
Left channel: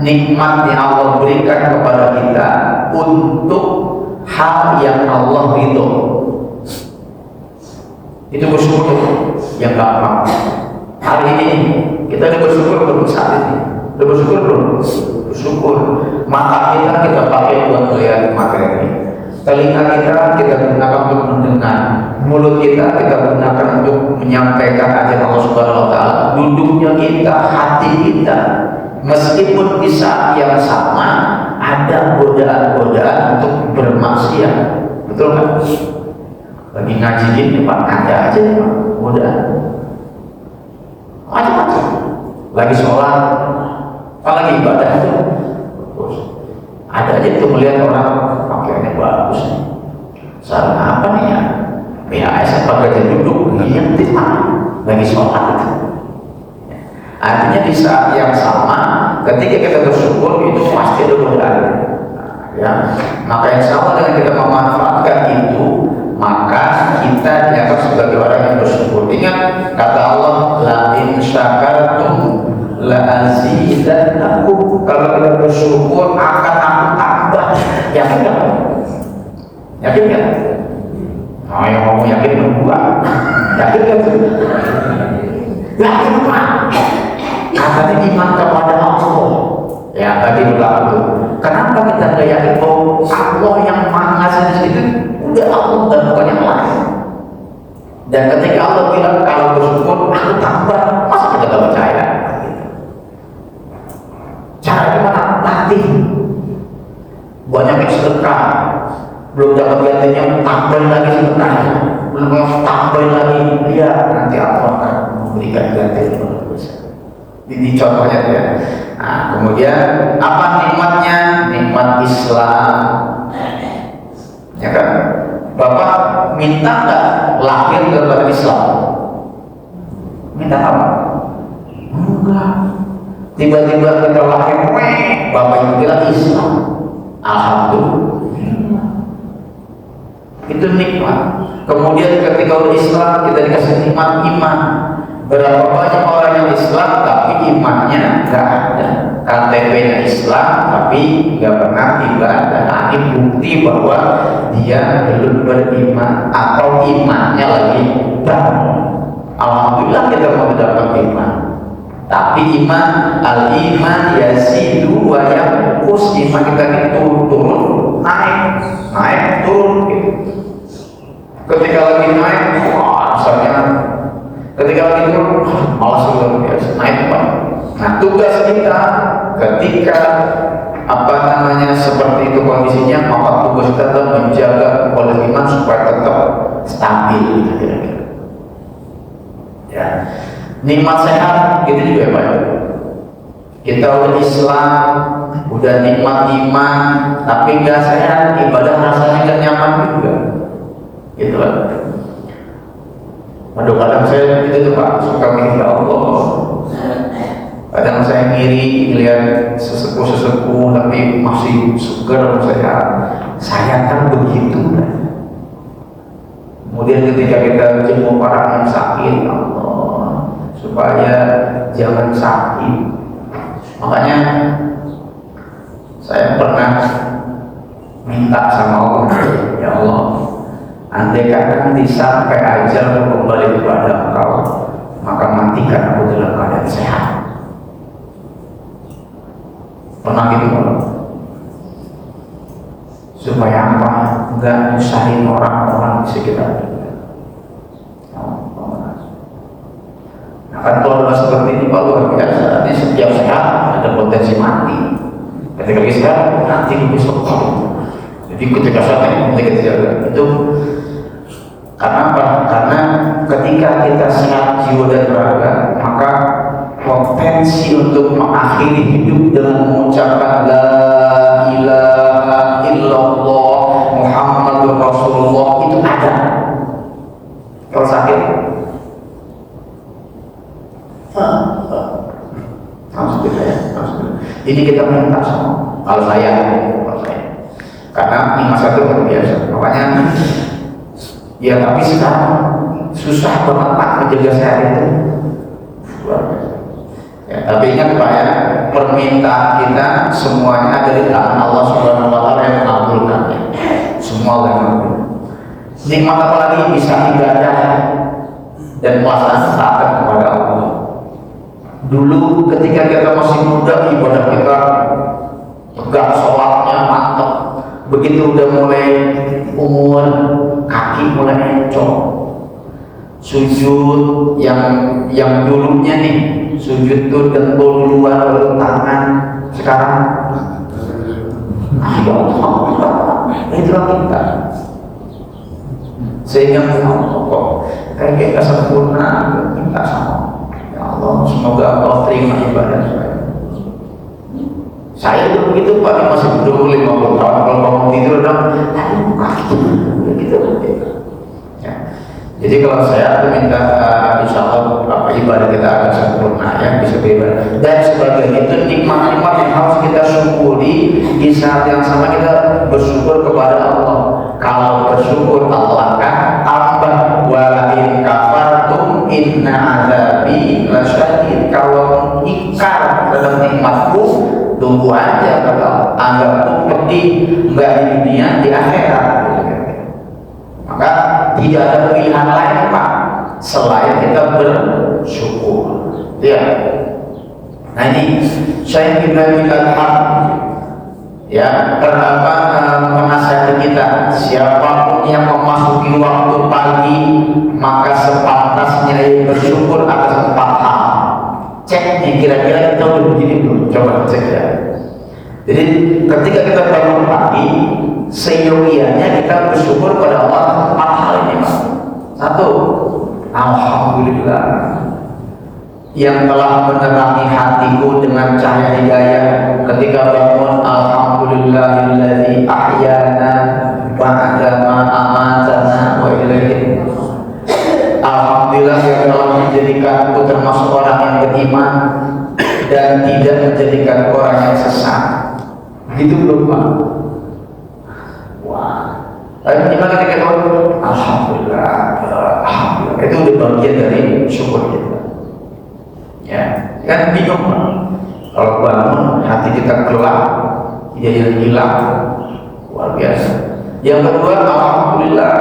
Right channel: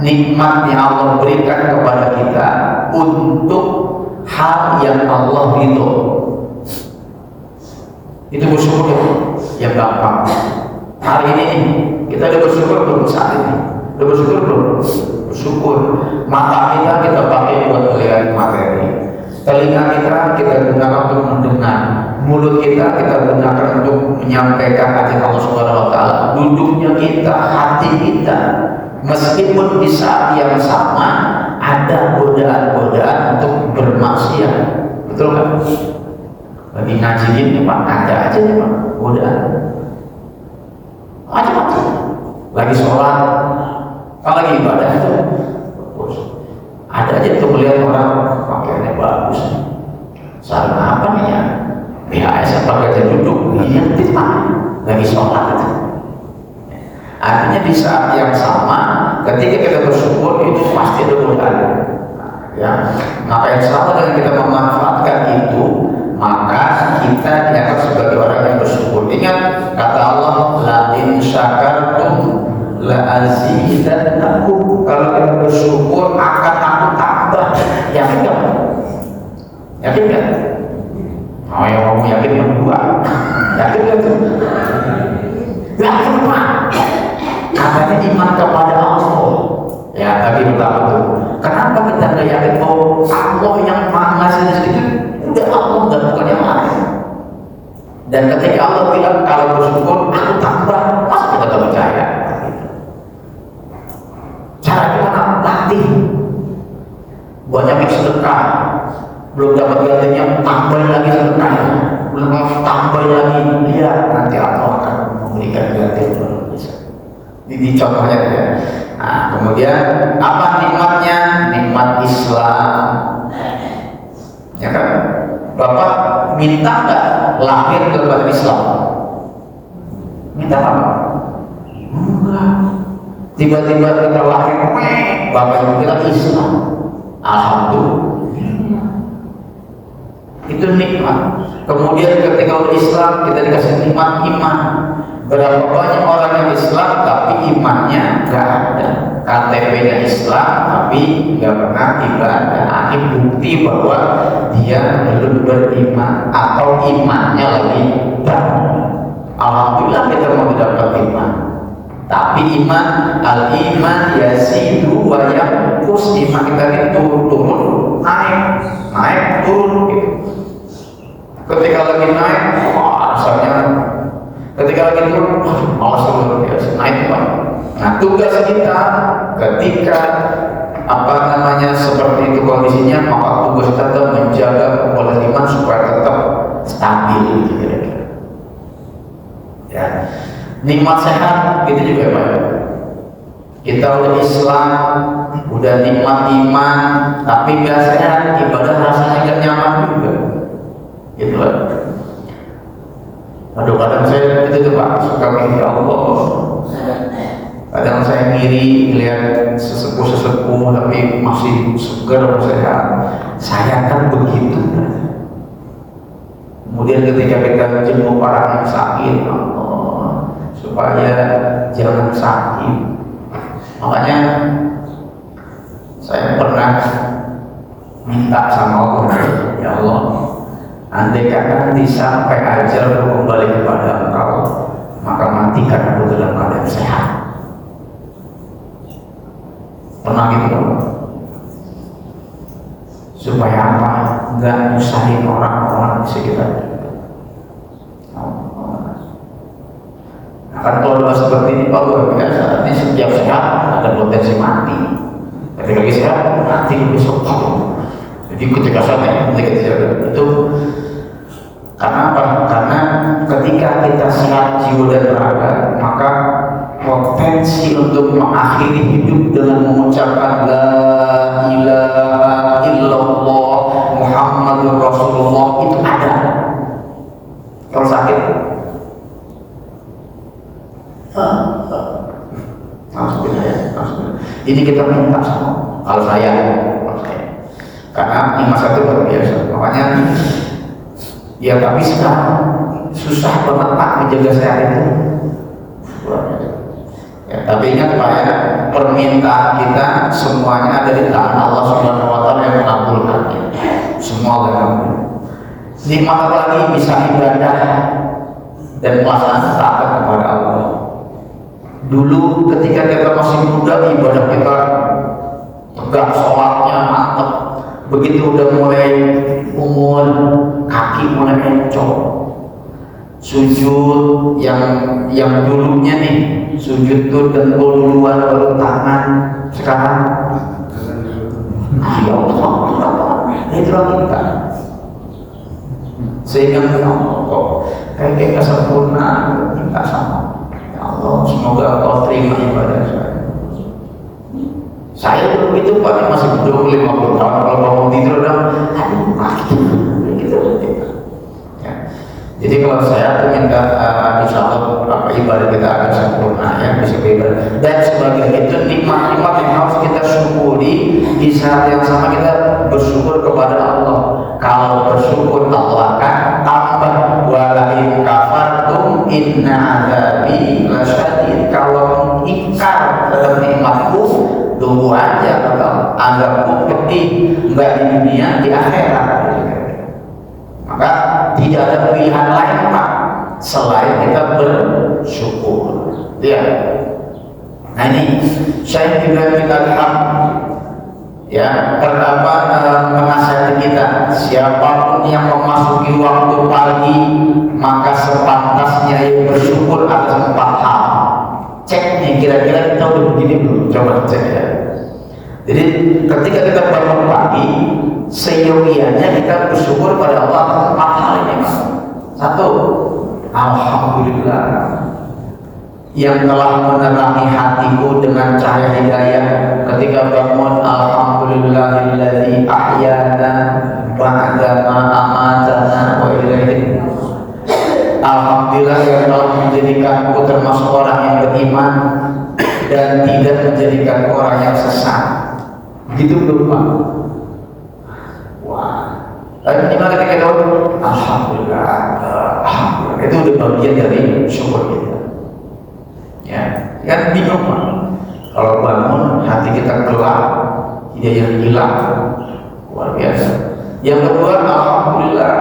nikmat yang Allah berikan kepada kita untuk hal yang Allah ridho. Itu bersyukur yang gampang. Hari ini kita udah bersyukur belum saat ini? Udah bersyukur belum? Bersyukur. Mata kita pakai buat melihat materi. Telinga kita gunakan untuk mendengar. Mulut kita gunakan untuk menyampaikan ajaran Allah Subhanahu wa taala. Duduknya kita, hati kita, meskipun di saat yang sama ada godaan-godaan untuk bermaksiat. Betul kan? Lagi ngaji gini Pak, ada aja godaan. Macam-macam. Lagi sholat, lagi ibadah itu. Ada aja tuh melihat orang pakaiannya bagus. Sarung apa nih ya? BHS pakai aja duduk, iya tidak. Lagi sholat itu. Artinya di saat yang sama, ketika kita bersyukur itu pasti ada godaan. Ya, maka yang sama dengan kita memanfaatkan itu, maka kita dianggap sebagai orang yang bersyukur. Ingat kata Allah, la in syakartum la azidannakum. Kalau kita bersyukur akan aku tambah. Yakin nggak? Yakin nggak? Oh, yang mau yakin enggak? Yakin nggak? Yakin Pak? Katanya iman kepada Allah. Ya tadi bilang itu. Kenapa kita nggak yakin bahwa Allah yang maha ngasih itu udah Allah dan bukan yang lain? Dan ketika Allah bilang kalau bersyukur aku tambah, masa kita nggak percaya? Cara gimana? Latih. Banyak yang sedekah, belum dapat gantinya, tambah lagi sedekah, belum tambah lagi, lihat nanti Allah akan memberikan ganti. Ini contohnya ya. Nah, kemudian apa nikmatnya? Nikmat Islam. Ya kan? Bapak minta nggak lahir kepada Islam? Minta apa? Enggak. Tiba-tiba kita lahir, Bapak bilang Islam. Alhamdulillah. Itu nikmat. Kemudian ketika Islam kita dikasih nikmat iman. Berapa banyak orang yang Islam tapi imannya nggak ada, KTP-nya Islam tapi nggak pernah ibadah. Ini bukti bahwa dia belum beriman atau imannya lagi down. Alhamdulillah kita mau mendapat iman, tapi iman al-iman yazidu wa yanqus. Iman kita itu turun, naik turun gitu. Ketika lagi naik, misalnya ketika itu Allah luar biasa naik Pak. Nah tugas kita ketika seperti itu kondisinya, maka tugas kita menjaga kualitas iman supaya tetap stabil gitu. Ya, nikmat sehat gitu juga Pak. Kita udah Islam, udah nikmat iman, tapi nggak sehat, ibadah rasanya nggak nyaman juga, gitu kan? Aduh, kadang saya itu tuh Pak, suka mikir ya Allah. Kadang saya ngiri lihat sesepuh tapi masih segar saya kan begitu. Kemudian ketika kita jenguk orang yang sakit, Allah, supaya jangan sakit. Makanya saya pernah minta sama Allah, ya Allah, andai kata sampai ajal kembali kepada Engkau, maka matikan aku dalam keadaan sehat. Pernah gitu, supaya apa? Enggak nyusahin orang-orang di sekitar. Nah, kan kalau udah seperti ini Pak luar biasa, ini setiap sehat ada potensi mati. Ketika sehat nanti besok. Jadi ketika saatnya itu karena apa? Karena ketika kita siap jiwa dan raga, maka potensi untuk mengakhiri hidup dengan mengucapkan la ilaha illallah Muhammadur Rasulullah itu ada. Kalau sakit, ini kita minta sama. Kalau saya, karena ingat satu luar biasa. Makanya, ya tapi sekarang susah banget Pak menjaga sehat itu. Ya, tapi ingat Pak ya, permintaan kita semuanya ada di tangan Allah Subhanahu Wa Taala yang mengabulkan. Semua orang nikmat apa lagi bisa ibadah dan melaksanakan taat kepada Allah. Dulu ketika kita masih muda ibadah kita tegak, sholatnya mantap. Begitu udah mulai umur, kaki mulai encok, sujud yang dulunya nih sujud tuh dengkul duluan baru tangan, sekarang ya Allah, itulah kita. Sehingga kok kayak sempurna kita sama ya Allah, semoga Allah terima ibadah saya pun begitu Pak, masih belum 50 tahun kalau mau tidur udah gitu. Ya. Jadi kalau saya minta insya Allah ibadah kita akan sempurna ya, bisa beribadah. Dan sebagai itu nikmat-nikmat yang harus kita syukuri di saat yang sama kita bersyukur kepada Allah. Kalau bersyukur Allah kan tambah wa in kafartum inna adzabi lasyadid. Kalau ingkar dalam nikmatku tunggu aja, anggap pedih, enggak di dunia, di akhirat. Maka tidak ada pilihan lain Pak selain kita bersyukur. Ya. Nah ini saya Ibrahim Al-Haq ya pertama menasihati kita, siapapun yang memasuki waktu pagi maka sepantasnya bersyukur atas 4 hal. Cek nih kira-kira kita udah begini belum, coba cek ya. Jadi ketika kita bangun pagi, seyogianya kita bersyukur pada Allah 4 hal ini. 1, alhamdulillah yang telah menerangi hatiku dengan cahaya hidayah ketika bangun. Alhamdulillahilladzi ahyana ba'da ma amatana wa ilaihi. Alhamdulillah yang telah menjadikanku termasuk orang yang beriman dan tidak menjadikan orang yang sesat. Gitu belum Pak? Wah. Lalu gimana ketika itu? Alhamdulillah, alhamdulillah. Itu udah bagian dari syukur kita. Ya, kan bingung kalau bangun hati kita gelap, dia hilang, luar biasa. Yang kedua, alhamdulillah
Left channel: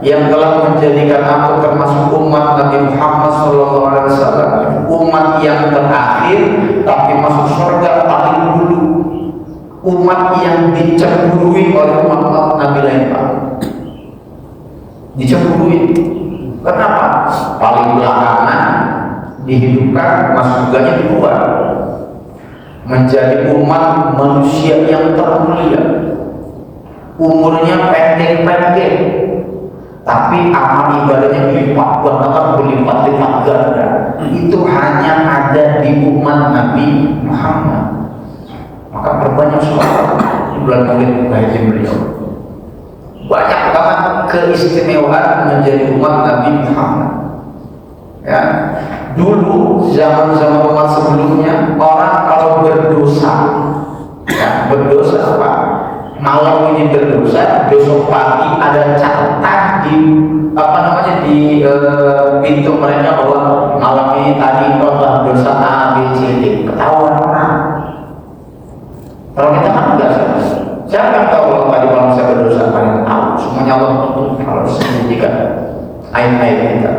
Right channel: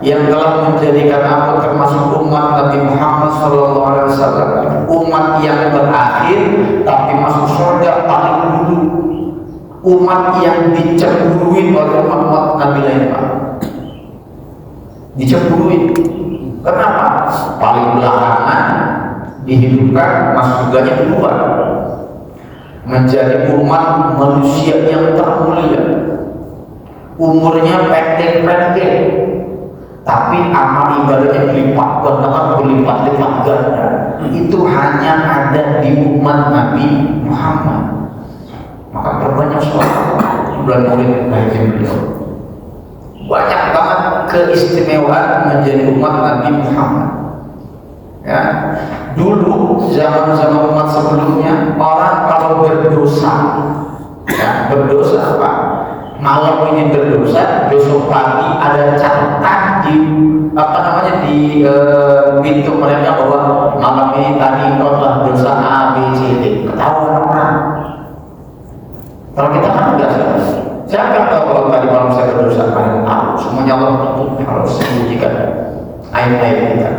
yang telah menjadikan aku termasuk umat Nabi Muhammad SAW, umat yang terakhir tapi masuk surga paling dulu, umat yang dicemburui oleh umat Nabi lain. Dicemburui, kenapa? Paling belakangan dihidupkan, masuk surganya kedua, menjadi umat manusia yang termulia, umurnya pendek-pendek, tapi amal ibadahnya berlipat ganda. itu hanya ada di umat Nabi Muhammad. Maka berbanyak sholawat di bulan Maulid lahirnya beliau. Banyak banget keistimewaan menjadi umat Nabi Muhammad. Ya, dulu zaman-zaman umat sebelumnya orang kalau berdosa, ya, berdosa apa? Malam ini berdosa, besok pagi ada catatan di di pintu mereka bahwa malam ini tadi kau telah berdosa A, B, C, D. Ketahuan orang. Kalau kita kan enggak sih. Siapa yang tahu kalau tadi malam saya berdosa? Kalian tahu. Semuanya Allah tutup kalau sembunyikan aib-aib kita.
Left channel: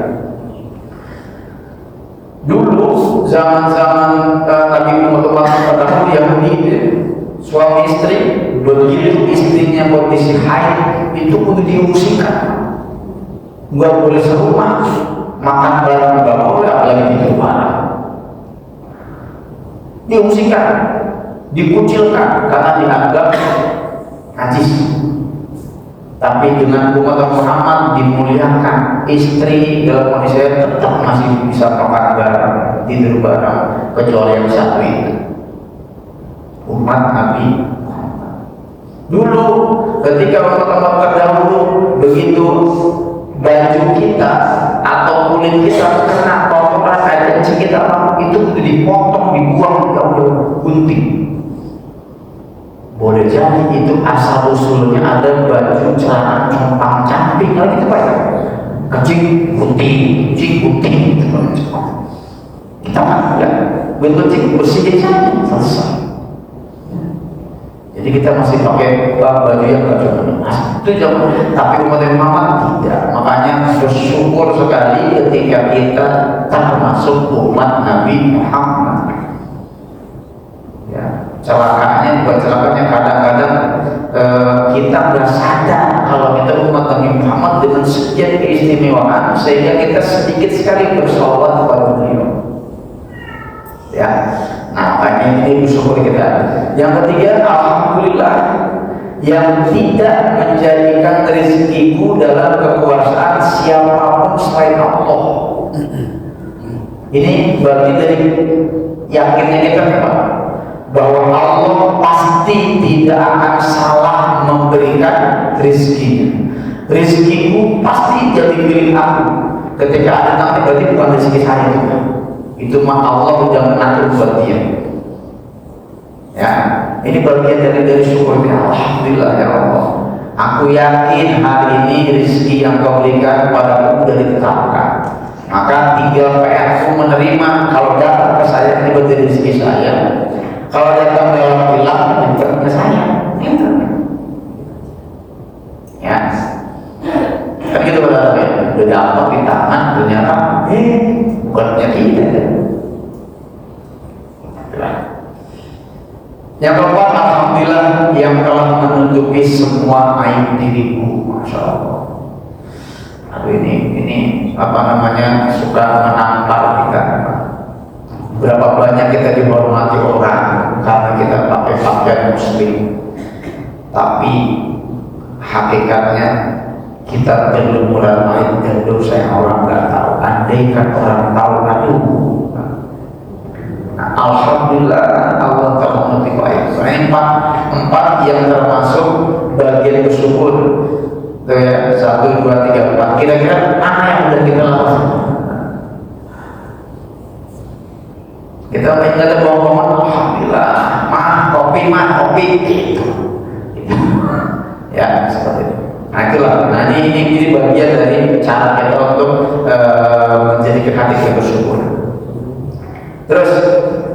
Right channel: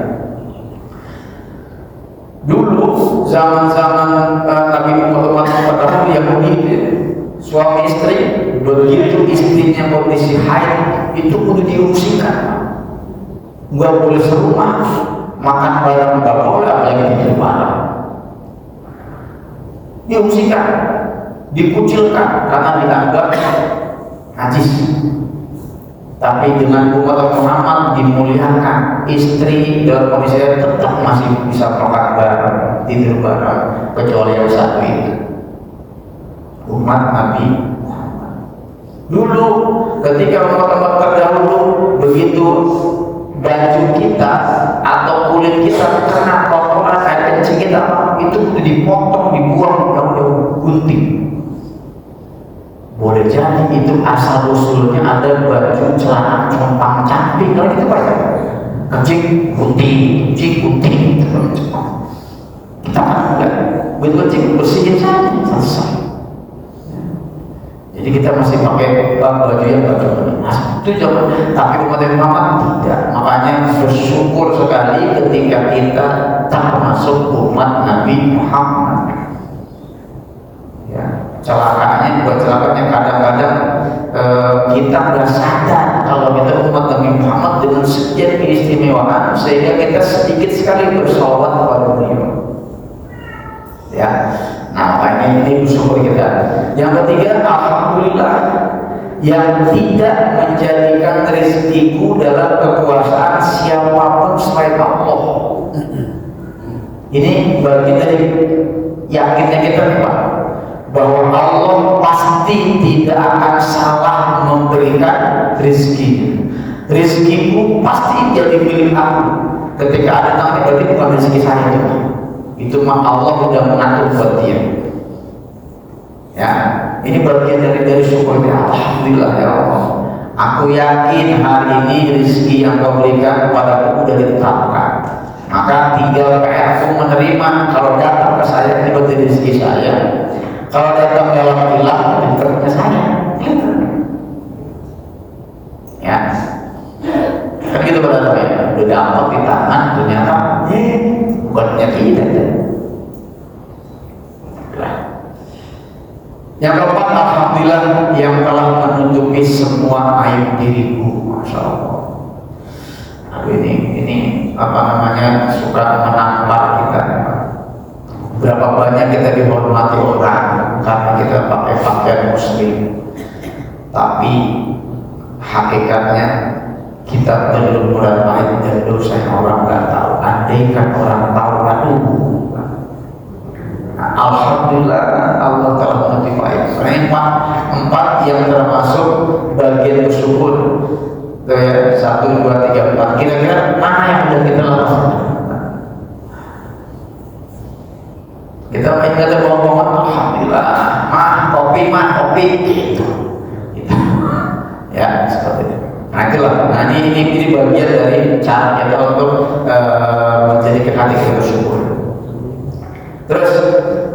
Dulu zaman-zaman Nabi Muhammad pertama Yahudi, suami istri begitu istrinya kondisi haid itu kudu diungsikan, nggak boleh serumah, makan ayam nggak boleh, apalagi di luar. Diungsikan, dikucilkan karena dianggap najis. Tapi dengan umat Muhammad dimuliakan, istri dalam kondisi tetap masih bisa makan bareng, tidur bareng, kecuali yang satu itu umat Nabi. Dulu ketika umat-umat terdahulu begitu baju kita atau kulit kita kena kotoran air kencing kita itu dipotong, dibuang ke gunting. Boleh jadi itu asal usulnya ada baju celana compang camping kalau kita pakai kencing gunting kita kan enggak kencing bersihin saja selesai. Jadi kita masih pakai baju yang itu jangan. Tapi umat Muhammad tidak. Makanya bersyukur sekali ketika kita termasuk umat Nabi Muhammad. Ya, celakanya kadang-kadang kita nggak sadar kalau kita umat Nabi Muhammad dengan sekian keistimewaan sehingga kita sedikit sekali bersolawat kepada beliau. Ya, nah ini bersyukur kita. Yang ketiga, alhamdulillah yang tidak menjadikan rezekiku dalam kekuasaan siapapun selain Allah. Ini bagian dari yakinnya kita memang bahwa Allah pasti tidak akan salah memberikan rezeki. Rezekiku pasti jadi milik aku. Ketika ada nanti berarti bukan rezeki saya itu mah Allah sudah mengatur buat dia. Ya, ini bagian dari syukurnya. Alhamdulillah ya Allah. Aku yakin hari ini rezeki yang kau berikan kepada aku sudah ditetapkan. Maka tinggal aku menerima. Kalau datang ke saya itu dari rezeki saya. Kalau datang dari Allah itu ke saya. Ya, kan gitu berarti. Udah dapat di tangan ternyata bukannya kita. Yang keempat, alhamdulillah yang telah menutupi semua aib diriku. Masya Allah. Aduh, ini apa namanya suka menampar kita. Berapa banyak kita dihormati orang karena kita pakai pakaian muslim. Tapi hakikatnya kita perlu meraih dan dosa yang orang nggak tahu. Andaikan orang tahu, aduh. Nah, alhamdulillah Allah telah menutupi aib. Empat yang termasuk bagian bersyukur. 1, 2, 3, 4. Kira-kira mana yang sudah kita lakukan? Kita mainnya ada ngomong alhamdulillah, kopi gitu. Ya seperti itu. Nah itulah. Nah ini bagian dari cara kita untuk menjadikan hati kita bersyukur. Terus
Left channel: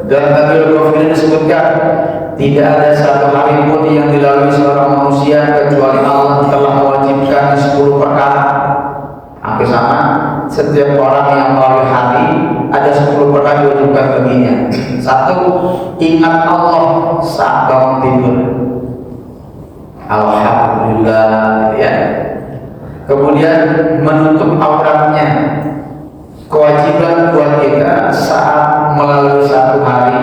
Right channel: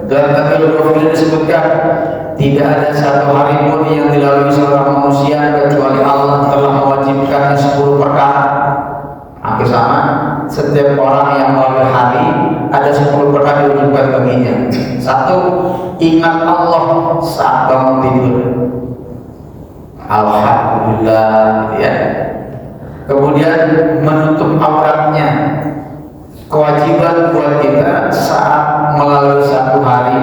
dalam Al-Qur'an ini disebutkan tidak ada satu hari pun yang dilalui seorang manusia kecuali Allah telah mewajibkan 10 perkara. Hampir sama. Setiap orang yang melalui hari ada 10 perkara diwajibkan baginya. 1, ingat Allah saat bangun tidur. Alhamdulillah ya. Kemudian menutup auratnya. Kewajiban buat kita saat melalui satu hari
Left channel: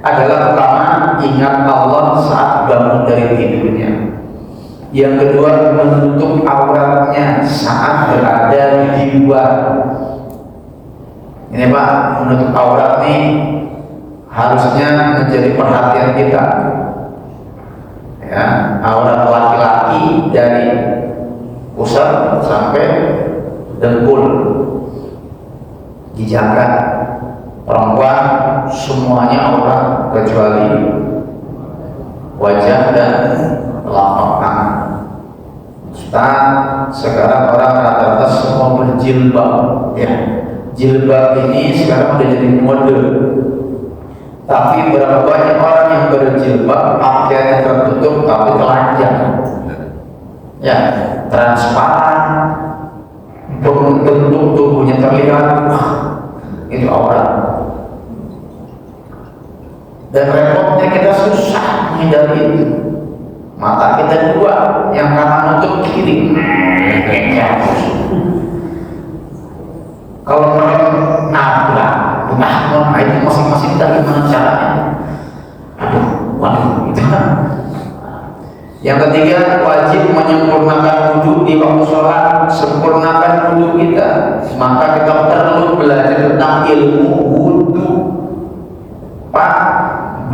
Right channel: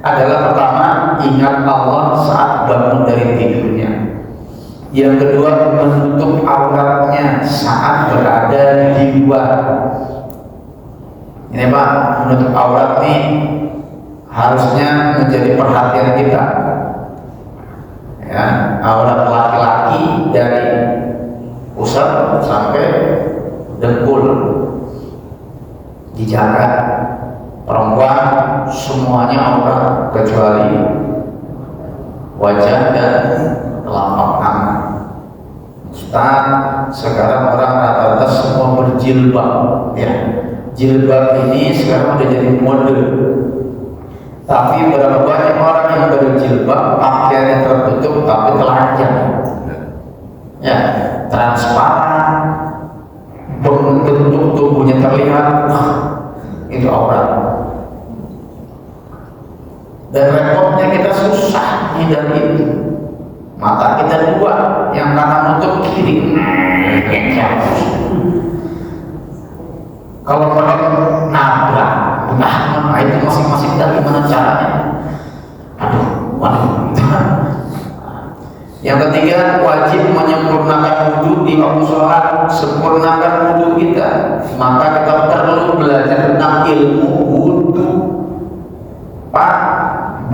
adalah pertama ingat Allah saat bangun dari tidurnya. Yang kedua menutup auratnya saat berada di luar. Ini Pak, menutup aurat nih harusnya menjadi perhatian kita. Ya, aurat laki-laki dari pusat sampai dengkul dijaga. Perempuan semuanya aurat kecuali wajah dan telapak tangan. Sekarang orang rata-rata semua berjilbab, ya. Jilbab ini sekarang udah jadi mode. Tapi berapa banyak orang yang berjilbab pakaiannya tertutup tapi telanjang, ya, transparan, bentuk tubuhnya terlihat, wah, itu aurat. Dan repotnya kita susah hindari itu. Mata kita dua, yang kanan nutup kiri. Kalau orang nabrak, nah itu masing-masing kita gimana caranya? Waduh, itu. Yang ketiga, wajib menyempurnakan wudhu di waktu sholat. Sempurnakan wudhu kita, maka kita perlu belajar tentang ilmu wudhu. Pak,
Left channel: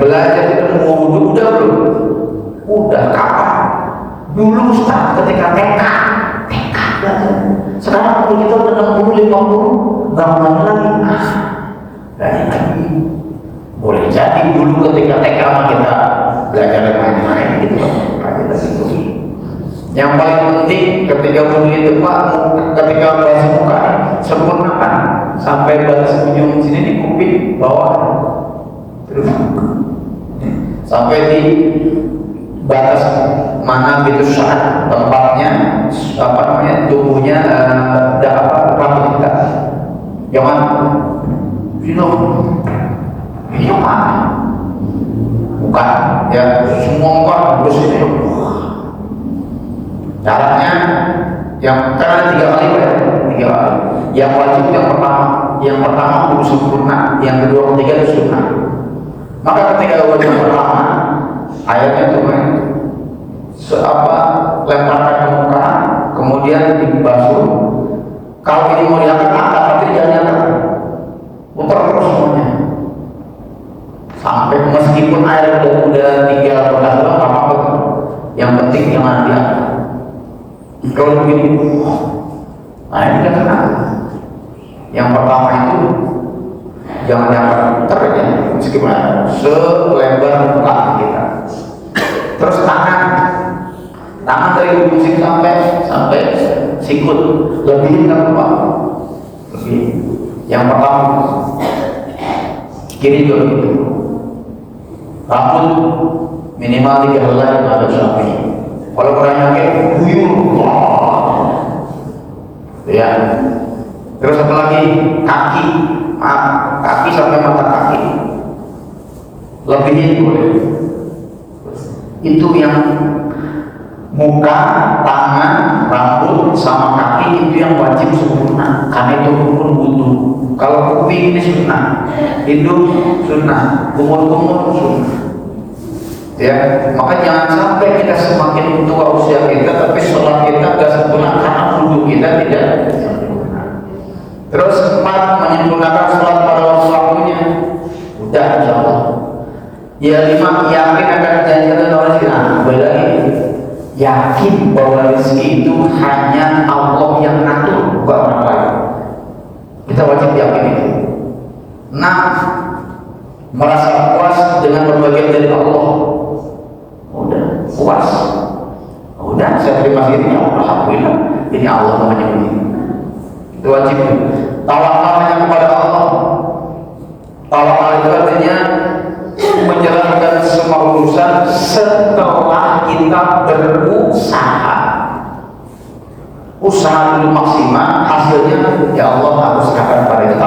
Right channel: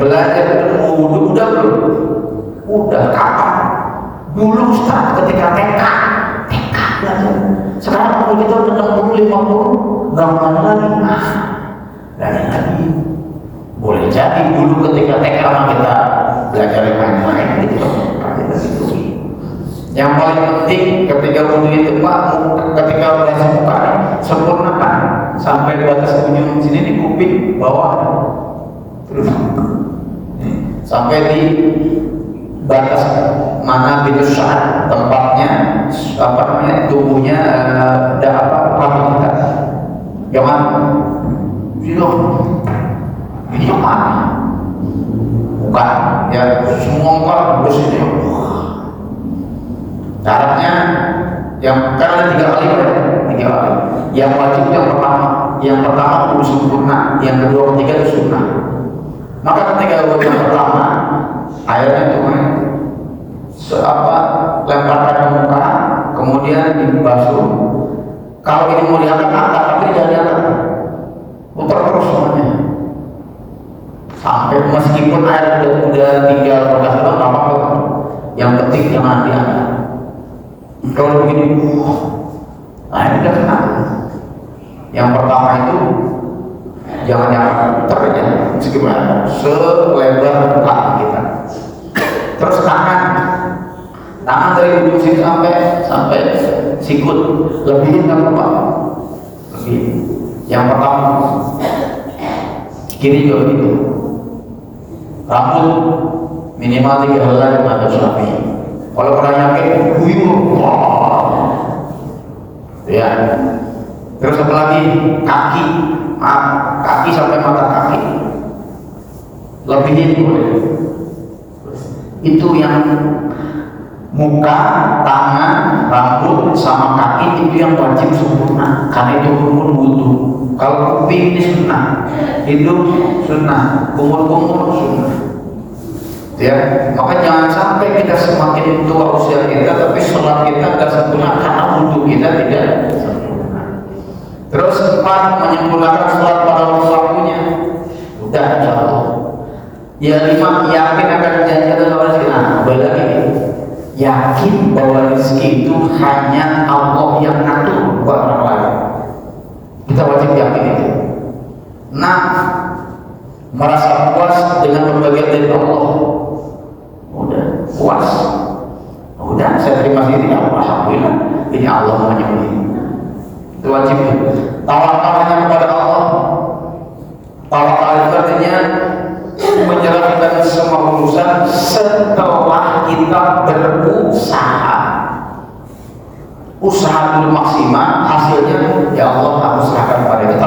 belajar ilmu wudhu udah belum? Udah kapan? Dulu Ustaz ketika TK belajar. Sekarang kita udah 60-50, nggak mau lagi. Belajar lagi. Boleh jadi dulu ketika TK kita belajar main-main gitu. Yang paling penting ketika wudhu itu Pak, ketika basuh muka sempurnakan sampai batas ujung sini di kuping bawah, terus sampai di batas mana pintu syarat tempatnya, apa namanya, tubuhnya ada apa kita, jangan ini mana bukan ya, semua kan harus ini. Caranya yang karena 3 kali ya, 3 kali. Yang wajib yang pertama kudu sempurna, yang kedua ketiga itu sunnah. Maka ketika wajib pertama airnya itu lemparkan ke muka, kemudian dibasuh. Kalau ini mau diangkat tapi jangan diangkat, putar terus semuanya sampai meskipun air udah tinggal berapa apa, yang penting jangan diangkat. Kalau begini, nah ini kan yang pertama itu jangan diangkat, putar aja meskipun selebar muka kita. Terus tangan dari ujung sini sampai sikut, lebihin nggak apa-apa, lebih. Yang pertama kiri juga begitu. Rambut minimal 3 helai atau sapi. Kalau orang yakin buyur, ya. Terus apa lagi? Kaki sampai mata kaki, lebihin boleh. Itu yang muka, tangan, rambut, sama kaki itu yang wajib sempurna, karena itu rukun wudhu. Kalau kuping ini sunnah, hidung sunnah, kumur-kumur sunnah. Ya, maka jangan sampai kita semakin tua usia kita, tapi sholat kita nggak sempurna karena wudhu kita tidak sempurna. Terus 4, menyempurnakan sholat pada waktunya. Udah, insyaallah. Ya 5, yakin akan janji Allah rezeki. Nah, lagi yakin bahwa rezeki itu hanya Allah yang ngatur, bukan orang lain. Kita wajib yakin itu. Nah, merasa puas dengan berbagai dari Allah. Udah puas. Udah, saya terima kasih ya, alhamdulillah. Ini Allah maunya begini. Itu wajib. Tawakal hanya kepada Allah. Tawakal itu artinya menjalankan semua urusan setelah kita berusaha. Usaha dulu maksimal, hasilnya ya Allah harus akan pada kita.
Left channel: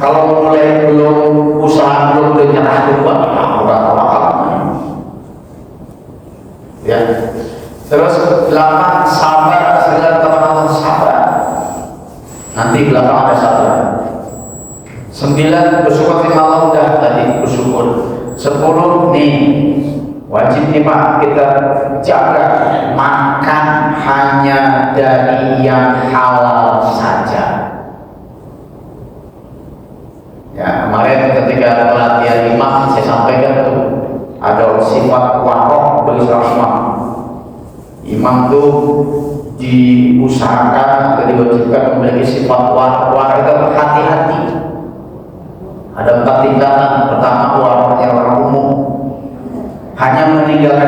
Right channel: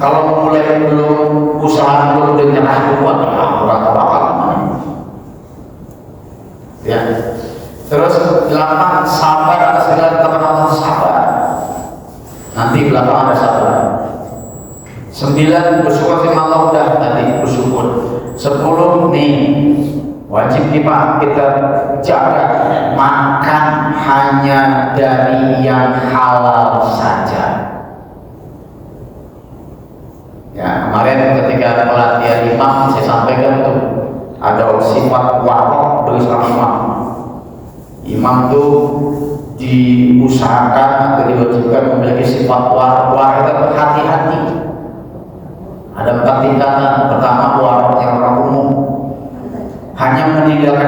Kalau mulai belum usaha belum nyerah dulu, ya. Terus 8, sabar atas segala ketentuan sabar. Nanti 8 ada sabar. 9, bersyukur sama Allah, udah tadi bersyukur. 10 nih wajib nih Pak, kita jaga makan hanya dari yang halal saja.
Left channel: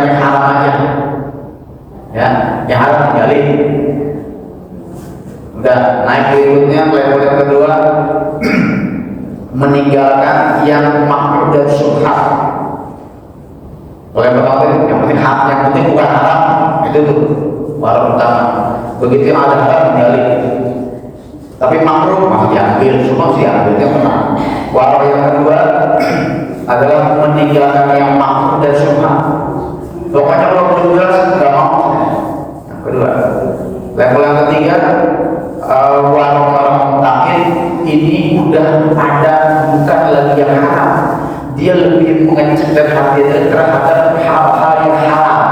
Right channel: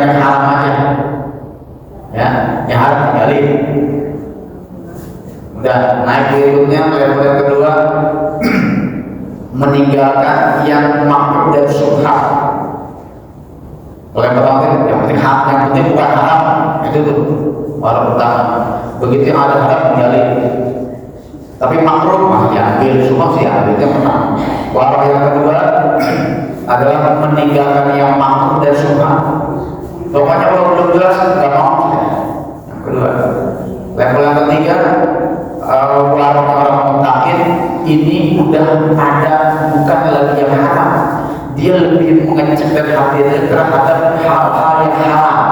yang haram aja, ya, yang haram tinggalin. Udah naik berikutnya, level yang kedua, meninggalkan yang makruh dan syubhat. Kalau yang pertama yang penting bukan haram, itu tuh baru pertama. Begitu yang ada haram tinggalin. Tapi makruh ya ambil, semua sih ambil itu memang. Walau yang kedua adalah meninggalkan yang makruh dan syubhat. Pokoknya kalau belum jelas nggak mau. Yang kedua, level yang ketiga, orang mutakin ini udah ada bukan lagi yang haram. Dia lebih mengecek dan hati terhadap hal-hal yang haram,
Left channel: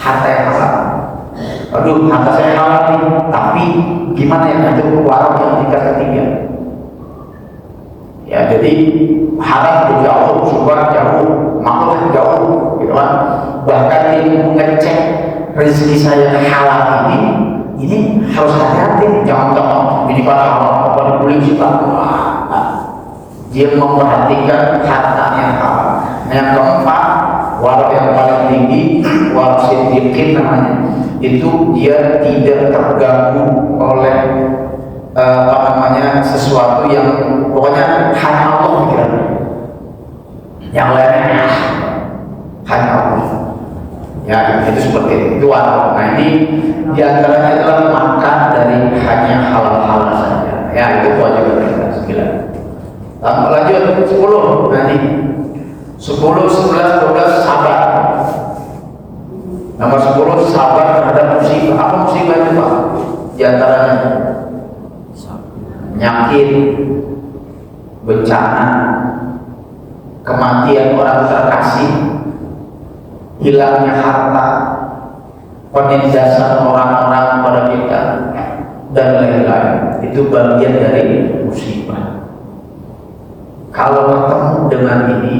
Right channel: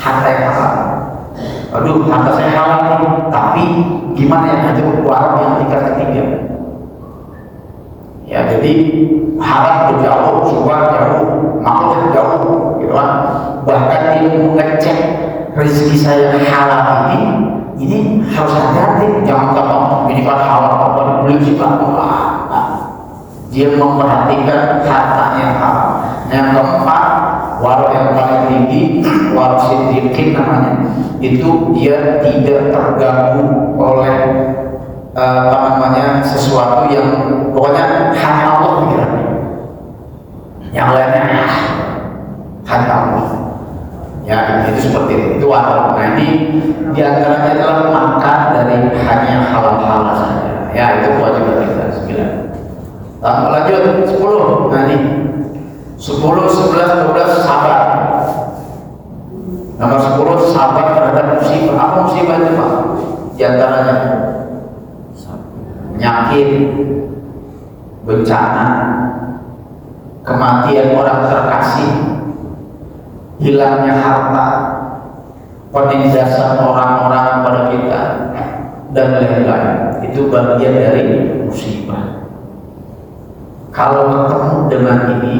harta yang haram. Aduh, harta saya haram, tapi gimana ya, itu orang yang tingkat ketiga. Ya, jadi haram jauh, syubhat jauh, makruh jauh, gitu kan. Bahkan dia mengecek rezeki saya halal ini harus hati-hati, jangan tolong ini kata halal apa dibeli sih kamu. Dia memperhatikan harta yang halal. Yang keempat, warak yang paling tinggi, warak siddiqin namanya, itu dia tidak terganggu oleh sesuatu yang pokoknya hanya Allah pikirannya. Yang lainnya hanya Allah. Ya, itu seperti itu warak. Nah ini diantaranya adalah makan dari hanya halal saja. Ya, itu kewajiban kita 9. Lanjut 10. Nah ini 10, 11, 12 sabar. Nomor 10 sabar terhadap musibah. Apa musibah itu? Di antaranya penyakit, bencana, kematian orang terkasih, hilangnya harta, penindasan orang-orang pada kita, dan lain-lain. Itu bagian dari musibah. Kalau ketemu dengan ini,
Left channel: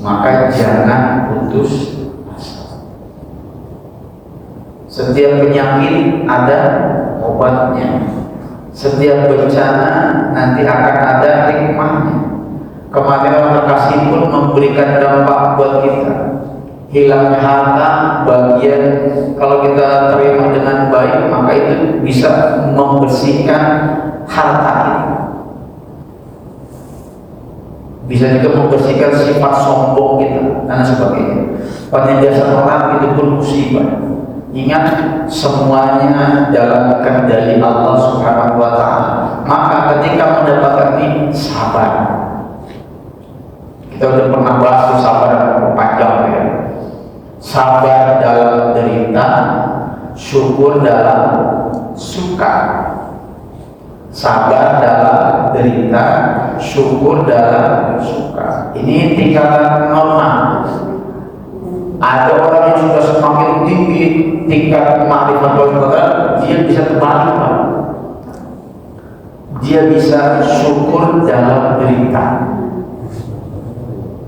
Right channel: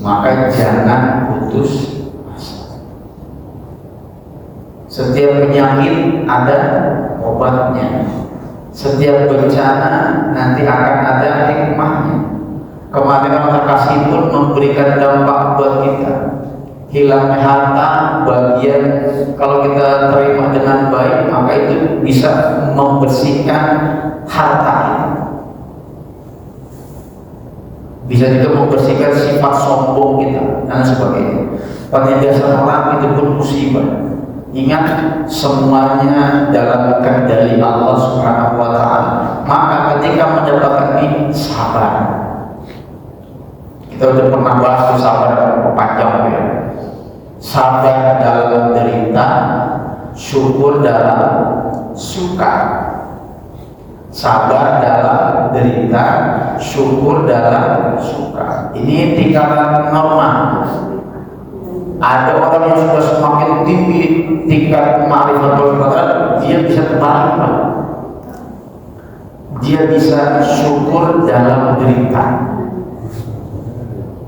maka jangan putus asa. Setiap penyakit ada obatnya. Setiap bencana nanti akan ada hikmahnya. Kematian orang terkasih pun memberikan dampak buat kita. Hilangnya harta bagian, kalau kita terima dengan baik, maka itu bisa membersihkan harta kita. Bisa juga membersihkan sifat sombong kita dan sebagainya. Penindasan orang itu pun musibah. Ingat, semuanya dalam kendali Allah Subhanahu wa Ta'ala. Maka ketika mendapatkan ini, sabar. Kita sudah pernah bahas sabar panjang ya. Sabar dalam derita, syukur dalam suka. Sabar dalam derita, syukur dalam suka. Ini tingkatan normal. Ada orang yang sudah semakin tinggi tingkat ma'rifatul, dia bisa tenang, dia bisa syukur dalam derita.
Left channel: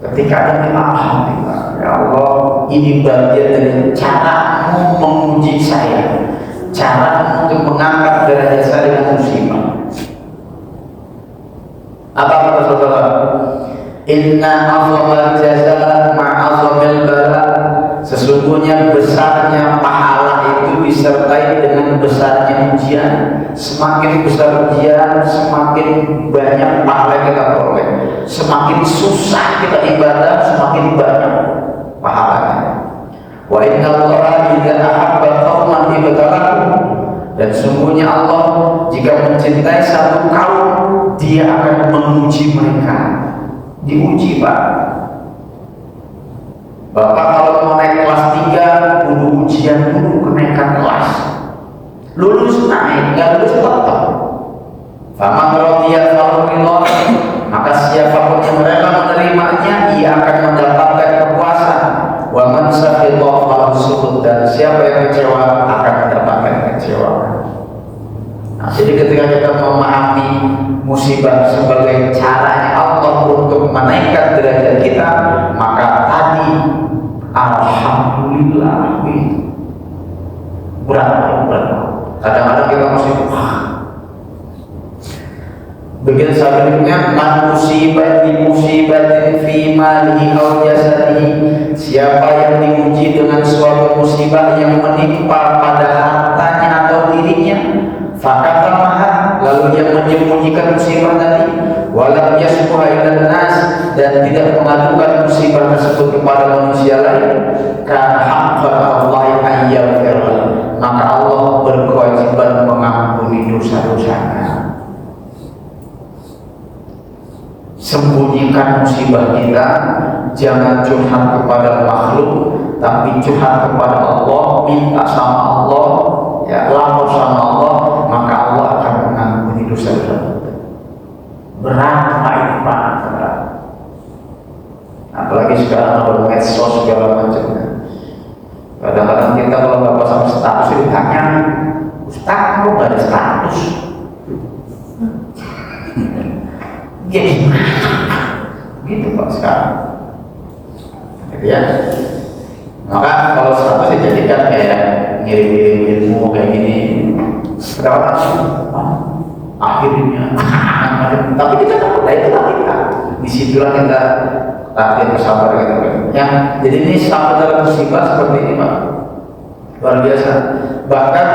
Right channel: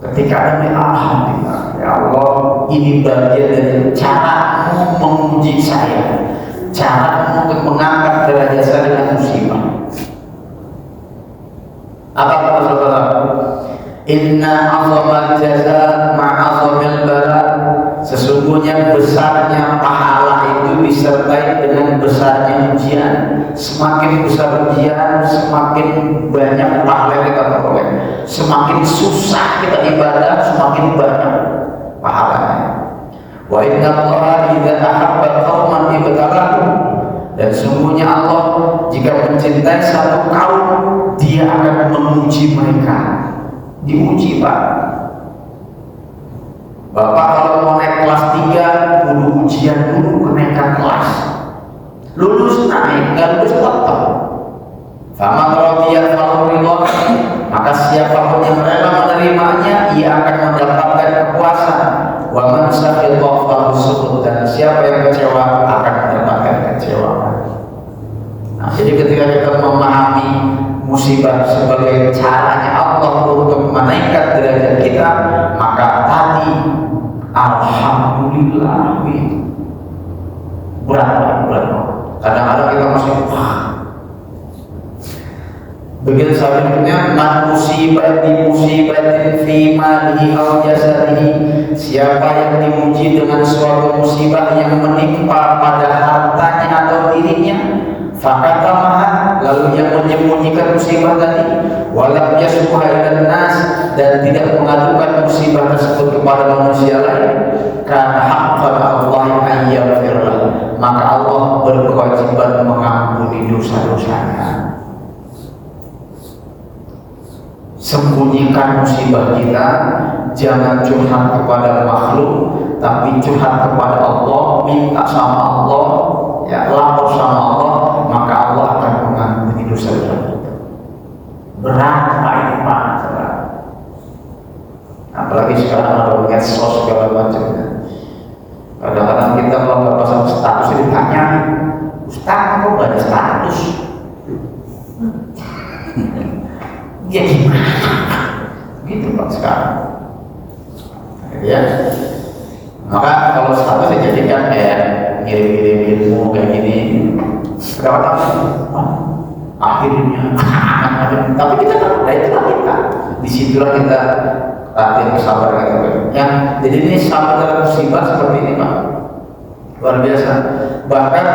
Ketika ada alhamdulillah, ya Allah, ini bagian dari caramu menguji saya, cara untuk mengangkat derajat saya dengan musibah. Apa kata saudara? Inna afdal jaza ma'azamil bala. Sesungguhnya besarnya pahala itu disertai dengan besarnya ujian. Semakin besar ujian, semakin banyak pahala yang kita peroleh. Semakin susah kita ibadah, semakin banyak pahalanya. Wa inna Allaha idza ahabba qauman ibtalahu. Dan sungguhnya Allah jika mencintai satu kaum, Dia akan menguji mereka. Diuji, Pak. Bapak kalau mau naik kelas 3, kudu ujian dulu kenaikan kelas. Lulus naik, nggak lulus tetap. Faman radiya fahurillah. Maka siapapun yang rela menerimanya, ia akan mendapatkan kepuasan. Wa man sakhita fahusuhud. Dan siapa yang kecewa akan mendapatkan kecewa. Nah, jadi ketika kita memahami musibah sebagai caranya Allah untuk menaikkan derajat kita, maka tadi alhamdulillah berat. Kadang-kadang kita masih bagian selanjutnya, man musibah bi musibatin fi malihi aw jasadihi siapa yang diuji dengan suatu musibah yang menimpa pada hartanya atau dirinya, fakatamaha, lalu yang menyembunyikan musibah tadi, walam yasbuha ilan nas, dan tidak mengadukan musibah tersebut kepada manusia lain, karena haqqa Allah an yaghfira, maka Allah berkewajiban mengampuni dosa-dosanya. Sembunyikan musibah kita, jangan curhat kepada makhluk, tapi curhat kepada Allah, minta sama Allah, ya lapor sama Allah, maka Allah akan mengampuni dosa-dosa. Berat ini Pak, apalagi sekarang ada medsos segala macam. Kadang-kadang kita kalau nggak pasang status ditanya, Ustaz kok nggak ada status? Jadi gitu Pak sekarang. Ya, maka kalau status dijadikan kayak ngirim-ngirim ilmu kayak gini, kenapa? Akhirnya, tapi kita kan itulah kita. Disitulah kita latihan kesabaran kita. Ya, jadi ini sama dalam musibah seperti ini Pak, luar biasa. Bahkan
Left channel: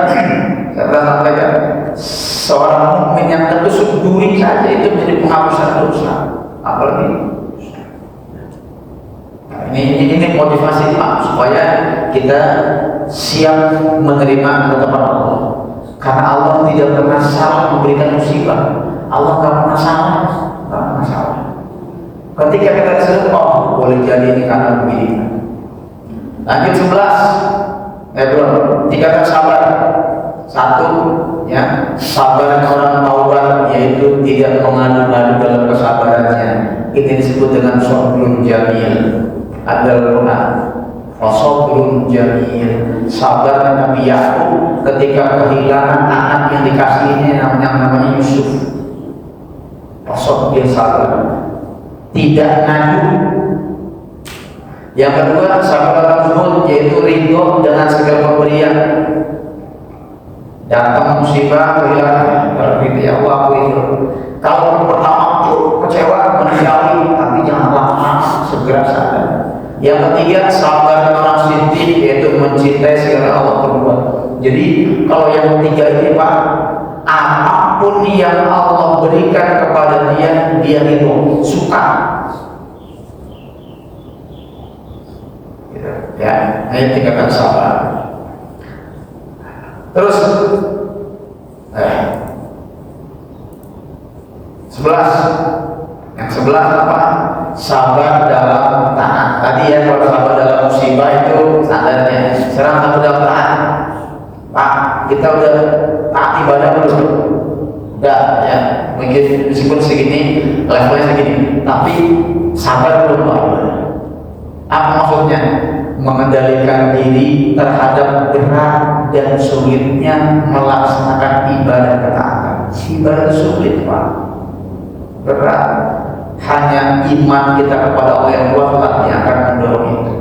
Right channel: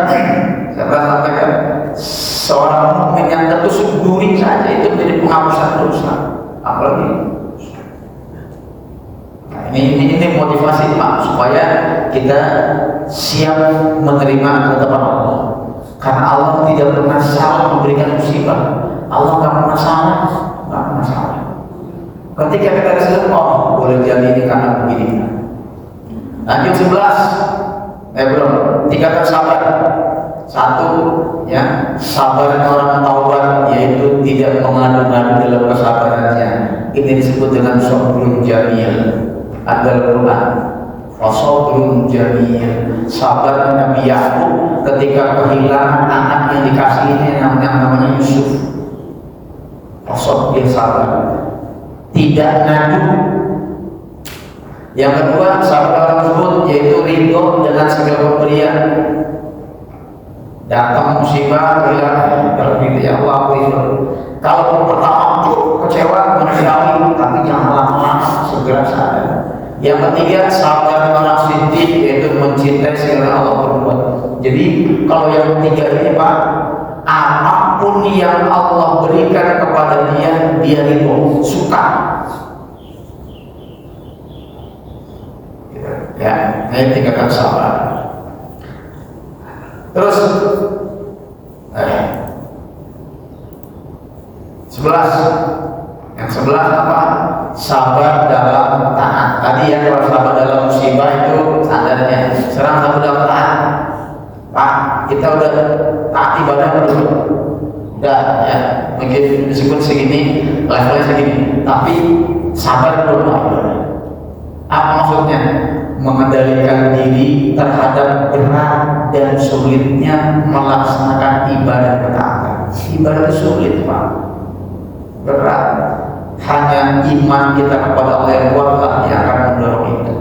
saya sampaikan, seorang mukmin yang tertusuk duri saja itu menjadi penghapusan dosa. Apalagi ini motivasi Pak, supaya kita siap menerima ketetapan Allah. Karena Allah tidak pernah salah memberikan musibah. Allah nggak pernah salah, nggak pernah salah. Ketika kita disebut, oh boleh jadi ini karena begini. Lanjut 11, belum, 3 sabar. 1, ya, sabar orang taubat, yaitu tidak mengadu-ngadu dalam kesabarannya. Ini disebut dengan sabrun jamil. Al-Quran, fasabrun jamil. Sabar Nabi Yakub ketika kehilangan anak yang dikasihnya namanya Yusuf. Dia sabar, tidak ngadu. Yang kedua, sabar tersebut yaitu ridho dengan segala pemberian. Datang musibah, kehilangan, berbeda ya Allah itu. Kalau pertama kecewa, menyesali, tapi jangan lama, segera sadar. Yang ketiga, sabar orang siddiq, yaitu mencintai segala Allah berbuat. Jadi kalau yang ketiga ini Pak, apapun yang Allah berikan kepada dia itu suka. Ya, ini tingkatan sabar. Terus 11, yang 11 apa? Sabar dalam taat. Tadi ya, kalau sabar dalam musibah itu standarnya. Sekarang sabar dalam taat. Pak, kita udah taat ibadah belum? Udah ya, mungkin meskipun segini, levelnya segini, tapi sabar belum. Apa maksudnya? Mengendalikan diri terhadap berat dan sulitnya melaksanakan ibadah ketaatan. Ibadah sulit Pak, berat. Hanya iman kita kepada Allah yang kuat yang akan mendorong itu.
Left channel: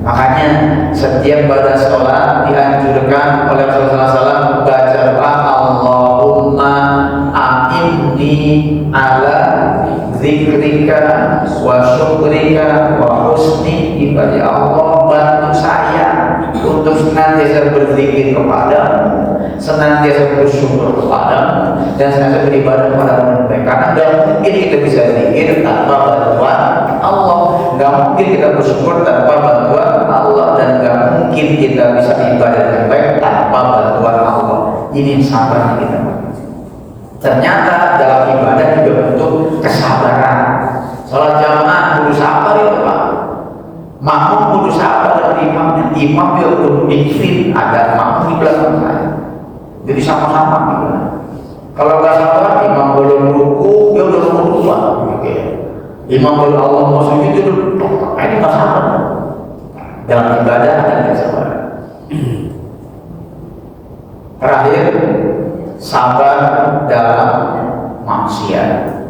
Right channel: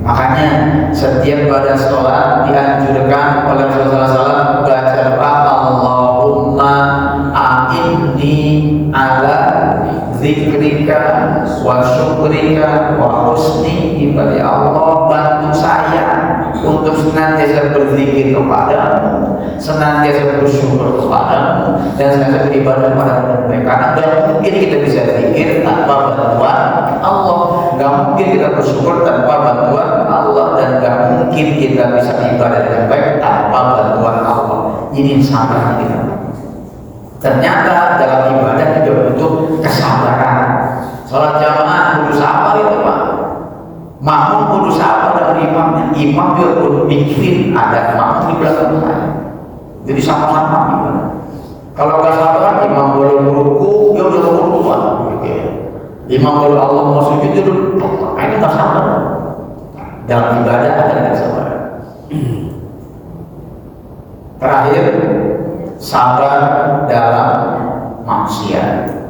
Makanya setiap pada sholat dianjurkan oleh Rasulullah SAW baca doa Allahumma a'inni ala zikrika wa syukrika wa husni ibadah. Allah bantu saya untuk senantiasa berzikir kepadamu, senantiasa bersyukur kepadamu, dan senantiasa beribadah kepadamu. Karena tidak mungkin kita bisa zikir tanpa bantuan Allah, nggak mungkin kita bersyukur tanpa bantuan Allah, dan nggak mungkin kita bisa ibadah dengan baik tanpa bantuan Allah. Ini sabar kita. Ternyata dalam ibadah juga butuh kesabaran. Sholat jamaah butuh sabar itu Pak. Makmum butuh sabar dari imamnya. Imam juga perlu mikirin ada makmum di belakang saya. Jadi sama-sama gimana. Kalau nggak sabar, imam boleh meruku, dia udah meruku gitu. Imam boleh Allah mau sujud itu, ini nggak sabar. Dalam ibadah ada nggak sabar. Terakhir, sabar dalam maksiat.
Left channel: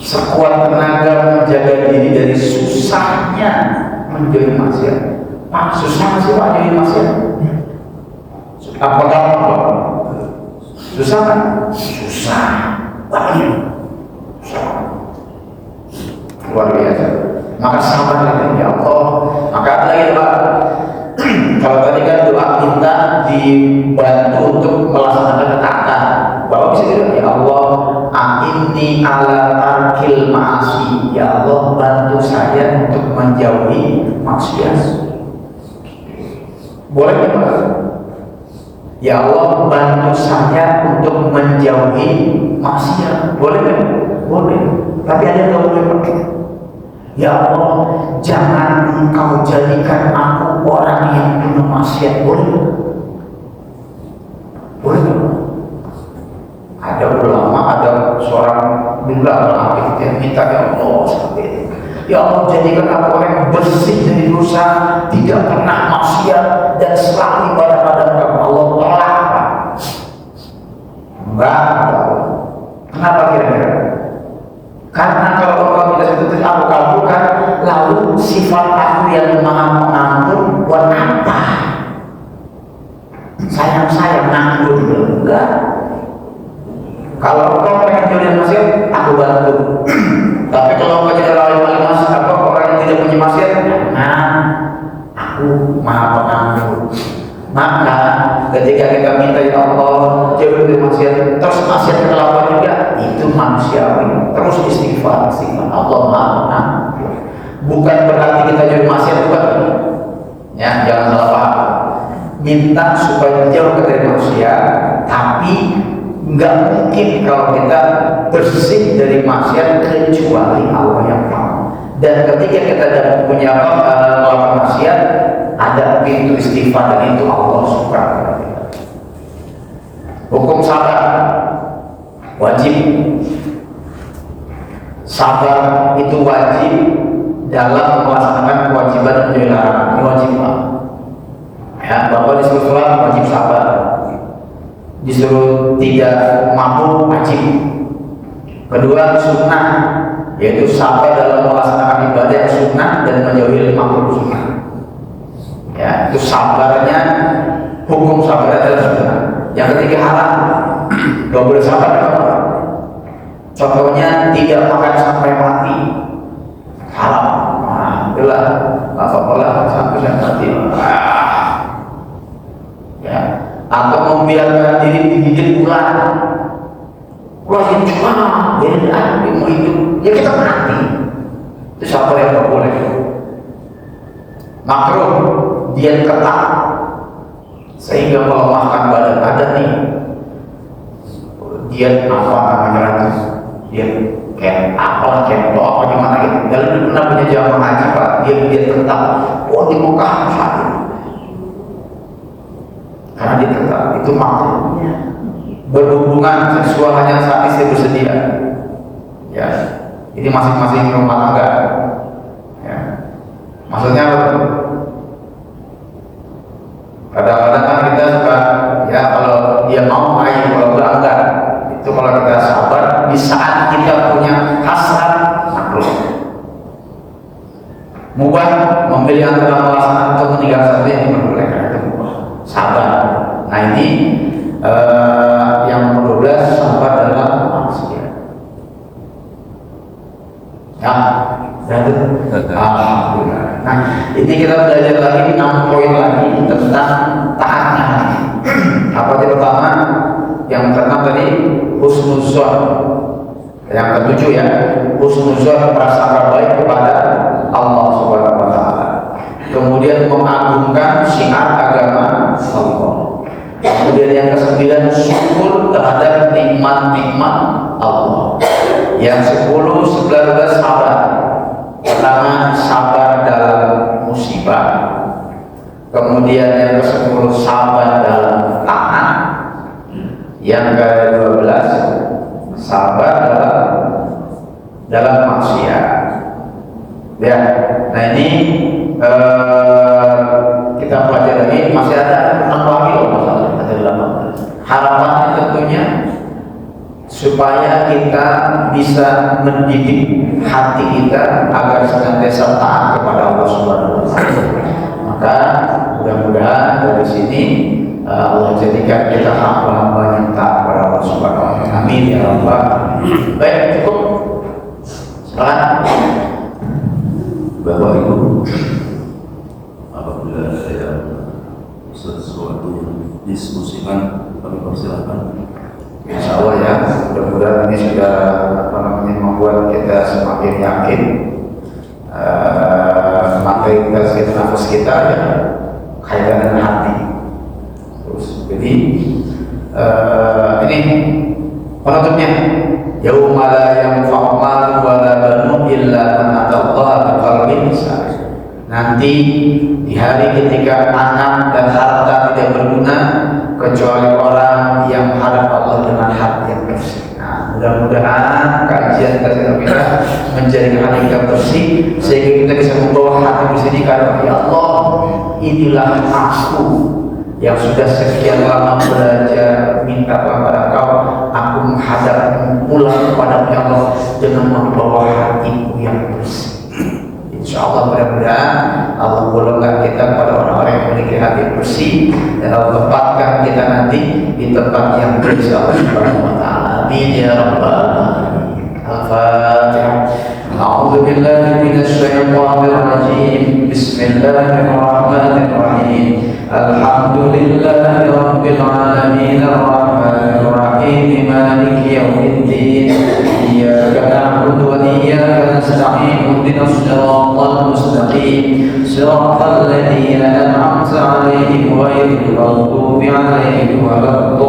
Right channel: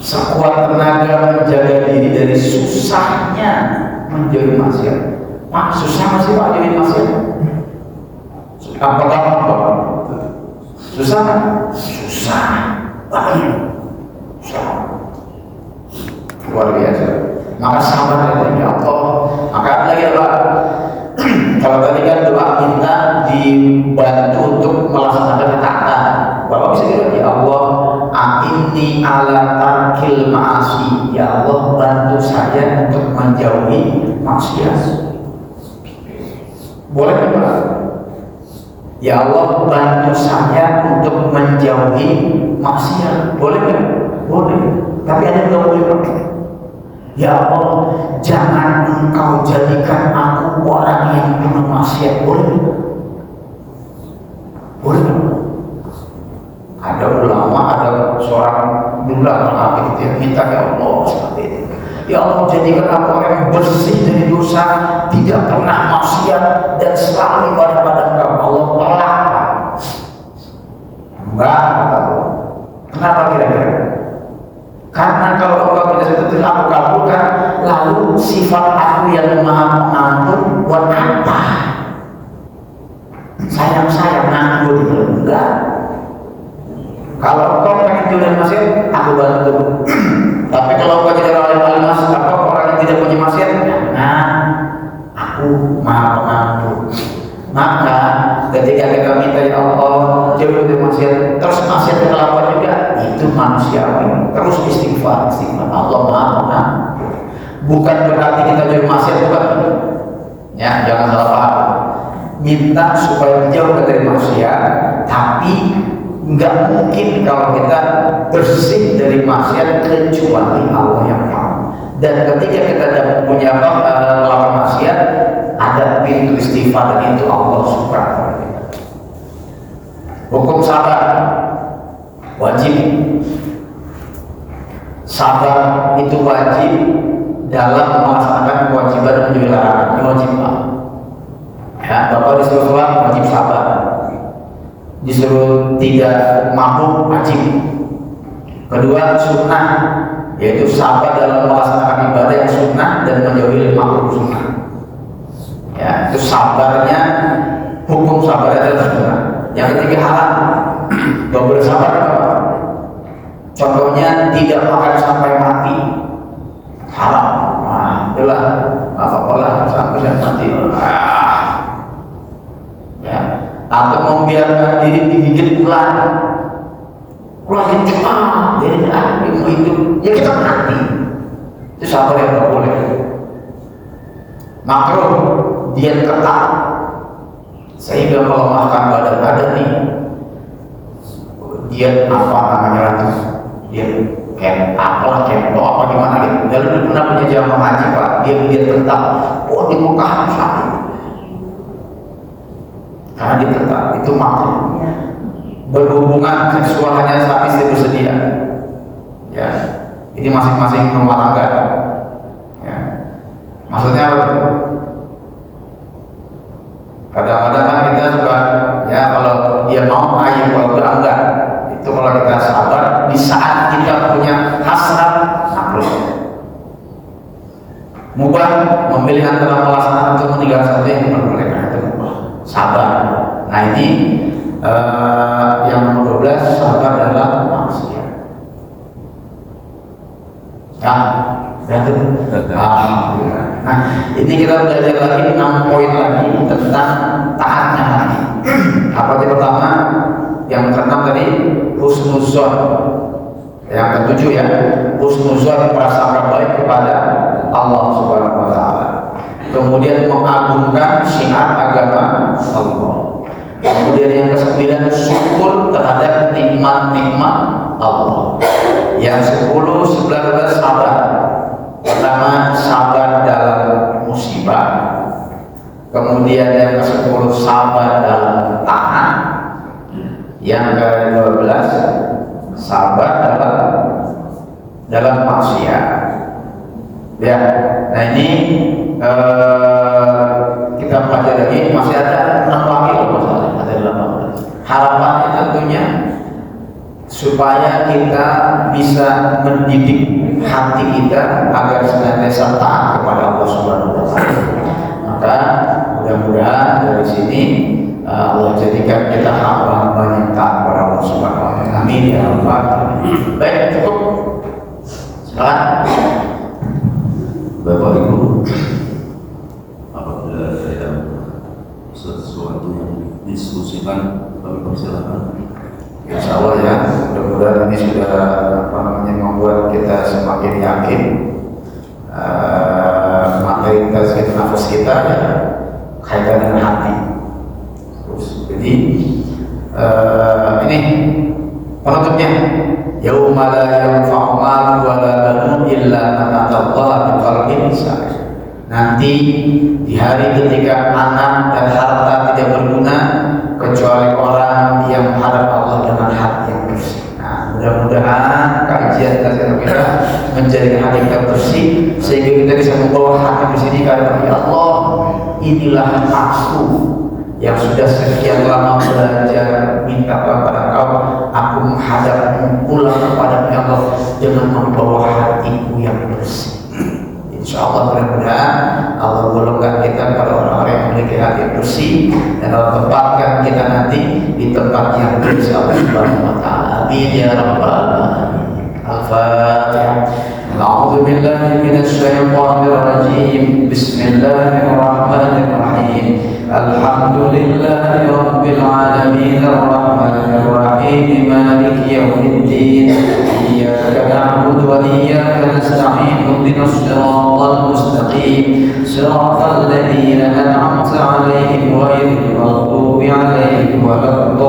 Sekuat tenaga menjaga diri dari susahnya menjadi maksiat. Pak, susah masih Pak jadi maksiat? Apakah apa? Susah kan? Susah. Susah. Luar biasa. Maka ya Allah bantu saya untuk menjauhi maksiat. Boleh nggak? Ya Allah bantu saya untuk menjauhi maksiat. Boleh nggak? Boleh. Tapi ada yang boleh. Ya Allah jangan Engkau jadikan aku orang yang penuh maksiat. Boleh? Boleh nggak? Ada ulama, ada seorang bilang yang minta ya Allah seperti itu. Ya Allah jadikan aku orang yang bersih dari dosa, tidak pernah maksiat dan selalu ibadah pada Allah. Tolak. Enggak. Kenapa kira-kira? Karena kalau engkau tidak seperti itu aku kabulkan, lalu sifat aku yang maha mengampun buat apa? Sayang nganggur enggak? Kalau engkau pengen jadi maksiat, aku bantu. Tapi kalau engkau jadi orang yang tidak punya maksiat, nah aku maha pengampun. Maka ketika kita minta ya Allah jauh dari maksiat, terus maksiat terlalu juga, itu manusiawi. Terus istighfar, Allah maha pengampun. Bukan berarti kita jauh maksiat juga. Ya, jangan salah paham. Minta supaya jauh dari maksiat, tapi nggak mungkin kalau kita bersih dari maksiat kecuali Allah yang tahu. Dan ketika kita punya melakukan maksiat, ada pintu istighfar dan itu Allah suka. Hukum sabar wajib. Sabar itu wajib dalam melaksanakan kewajiban dan menjauhi larangan. Ini wajib. Ya, Bapak disuruh wajib sabar. Disuruh tidak mampu wajib. Kedua sunnah, yaitu sabar dalam melaksanakan ibadah yang sunnah dan menjauhi makruh sunnah. Ya, itu sabarnya, hukum sabar adalah yang ketiga haram. Gak boleh sabar. Contohnya tidak makan sampai mati, haram. Nah, itulah apa-apalah sampai mati. Ya, atau membiarkan diri digigit ular. Ular yang cuma jadi hidup, ya kita mati. Itu sabar yang tidak boleh. Makruh diet ketat sehingga melemahkan badan nih. Diet apa namanya itu? Diet kayak apalah kayak apa gimana gitu. Kalau pernah punya jamaah haji pak, diet ketat. Oh di Mekah sakit. Karena dia ketat itu makruh. Berhubungan seksual hanya saat istri bersedia. Ya, ini masing-masing rumah tangga. Ya. Maksudnya apa? Kadang-kadang kan kita suka ya kalau dia mau ayo, kalau enggak. Itu kalau kita sabar di saat kita punya hasrat makruh. Mubah memilih antara melaksanakan atau meninggalkan saja yang diperbolehkan itu sabar. Nah ini yang nomor 12 sabar dalam maksiat. Ya, dan itu. Nah, ini kita belajar lagi 6 poin lagi tentang taatnya. Apa yang pertama? Yang pertama tadi husnuzon. Yang ketujuh ya, husnuzon prasangka baik kepada Allah Subhanahu wa taala. Kemudian mengagungkan syiar agama Allah. Kemudian yang ke-9 syukur terhadap nikmat-nikmat Allah. Yang 10, 11 sabar. Pertama sabar dalam musibah. Kemudian yang ke-10 sabar dalam taat. Yang ke-12 sabar dalam maksiat. Ya, nah ini kita pelajari masih ada 6 wakil. Harapannya tentunya supaya kita bisa mendidik hati kita agar senantiasa taat kepada Allah Subhanahu wa taala. Maka mudah-mudahan dari sini Allah jadikan kita hamba yang taat kepada Allah Subhanahu wa taala. Amin ya rabbal alamin. Baik, cukup. Silakan. Bapak Ibu, apabila ada sesuatu yang diskusikan, kami persilakan. Insya Allah ya, mudah-mudahan ini sudah membuat membuat kita semakin yakin materi tazkiyah nafas kita ya kaitan dengan hati. Terus jadi ini penutupnya, yauma la yanfa'u malun wa la banun illa man atallaha biqalbin salim. Nanti di hari ketika anak dan harta tidak berguna kecuali orang yang harap Allah dengan hati yang bersih. Nah, mudah-mudahan kajian tazkiyah kita menjadi hati kita bersih sehingga kita bisa membawa hati bersih ini karena ya Allah, inilah aku yang sudah sekian lama belajar minta kepada Kau, aku menghadapmu pulang kepada Allah dengan membawa hatiku yang bersih. Insya Allah mudah-mudahan Allah golongkan kita pada orang-orang yang memiliki hati bersih dan Allah tempatkan kita nanti di tempat yang insya Allah Subhanahu wa Ta'ala. Amin ya rabbal alamin. Al-Fatihah. A'udzu billahi minasy syaithanir rajim. Bismillahirrahmanirrahim. Alhamdulillahi rabbil alamin arrahmanir rahim maliki yaumiddin. Iyyaka na'budu wa iyyaka nasta'in. Ihdinas siratal mustaqim. Siratal ladzina an'amta 'alaihim ghairil maghdubi 'alaihim waladdallin.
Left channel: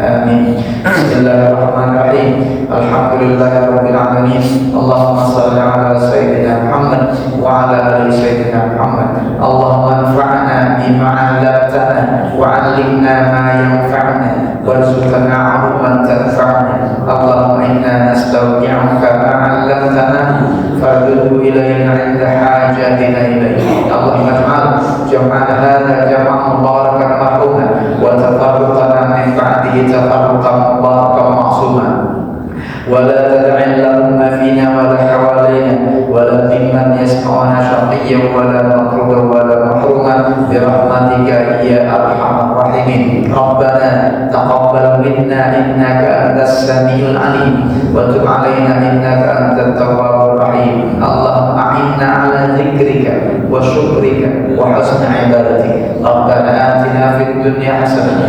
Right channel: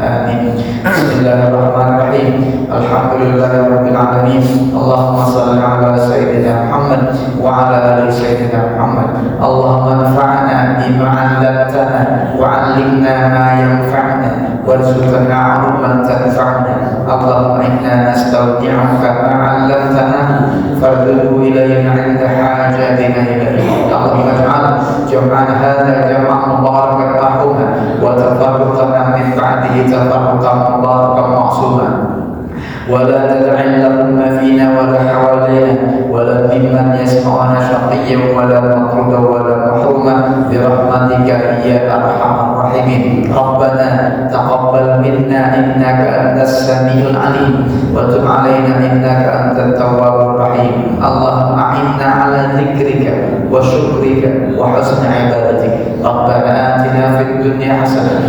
Amin. Bismillahirrahmanirrahim. Alhamdulillahirabbil alamin. Allahumma shalli ala sayyidina Muhammad wa ala ali sayyidina Muhammad. Allahumma anfa'na bima 'allamtana wa 'allimna ma yanfa'una warzuqna 'ilman tanfa'una. Allahumma inna nastawdi'uka ma 'allamtana fardhu ilayna 'inda hajatina ilayhi. Allahumma ij'al jam'ana hadha jam'an mubarakan marhuma wa tafarraqana min ba'dihi tafarraqan mubarakan ma'suma. ولا تدع لهم فينا ولا حوالينا ولا ممن يسمعنا شقيا ولا مطرودا ولا محروما برحمتك يا ارحم الراحمين. ربنا تقبل منا انك انت السميع العليم وتب علينا انك انت التواب الرحيم. اللهم اعنا على ذكرك وشكرك وحسن عبادتك. ربنا آتنا في الدنيا حسنه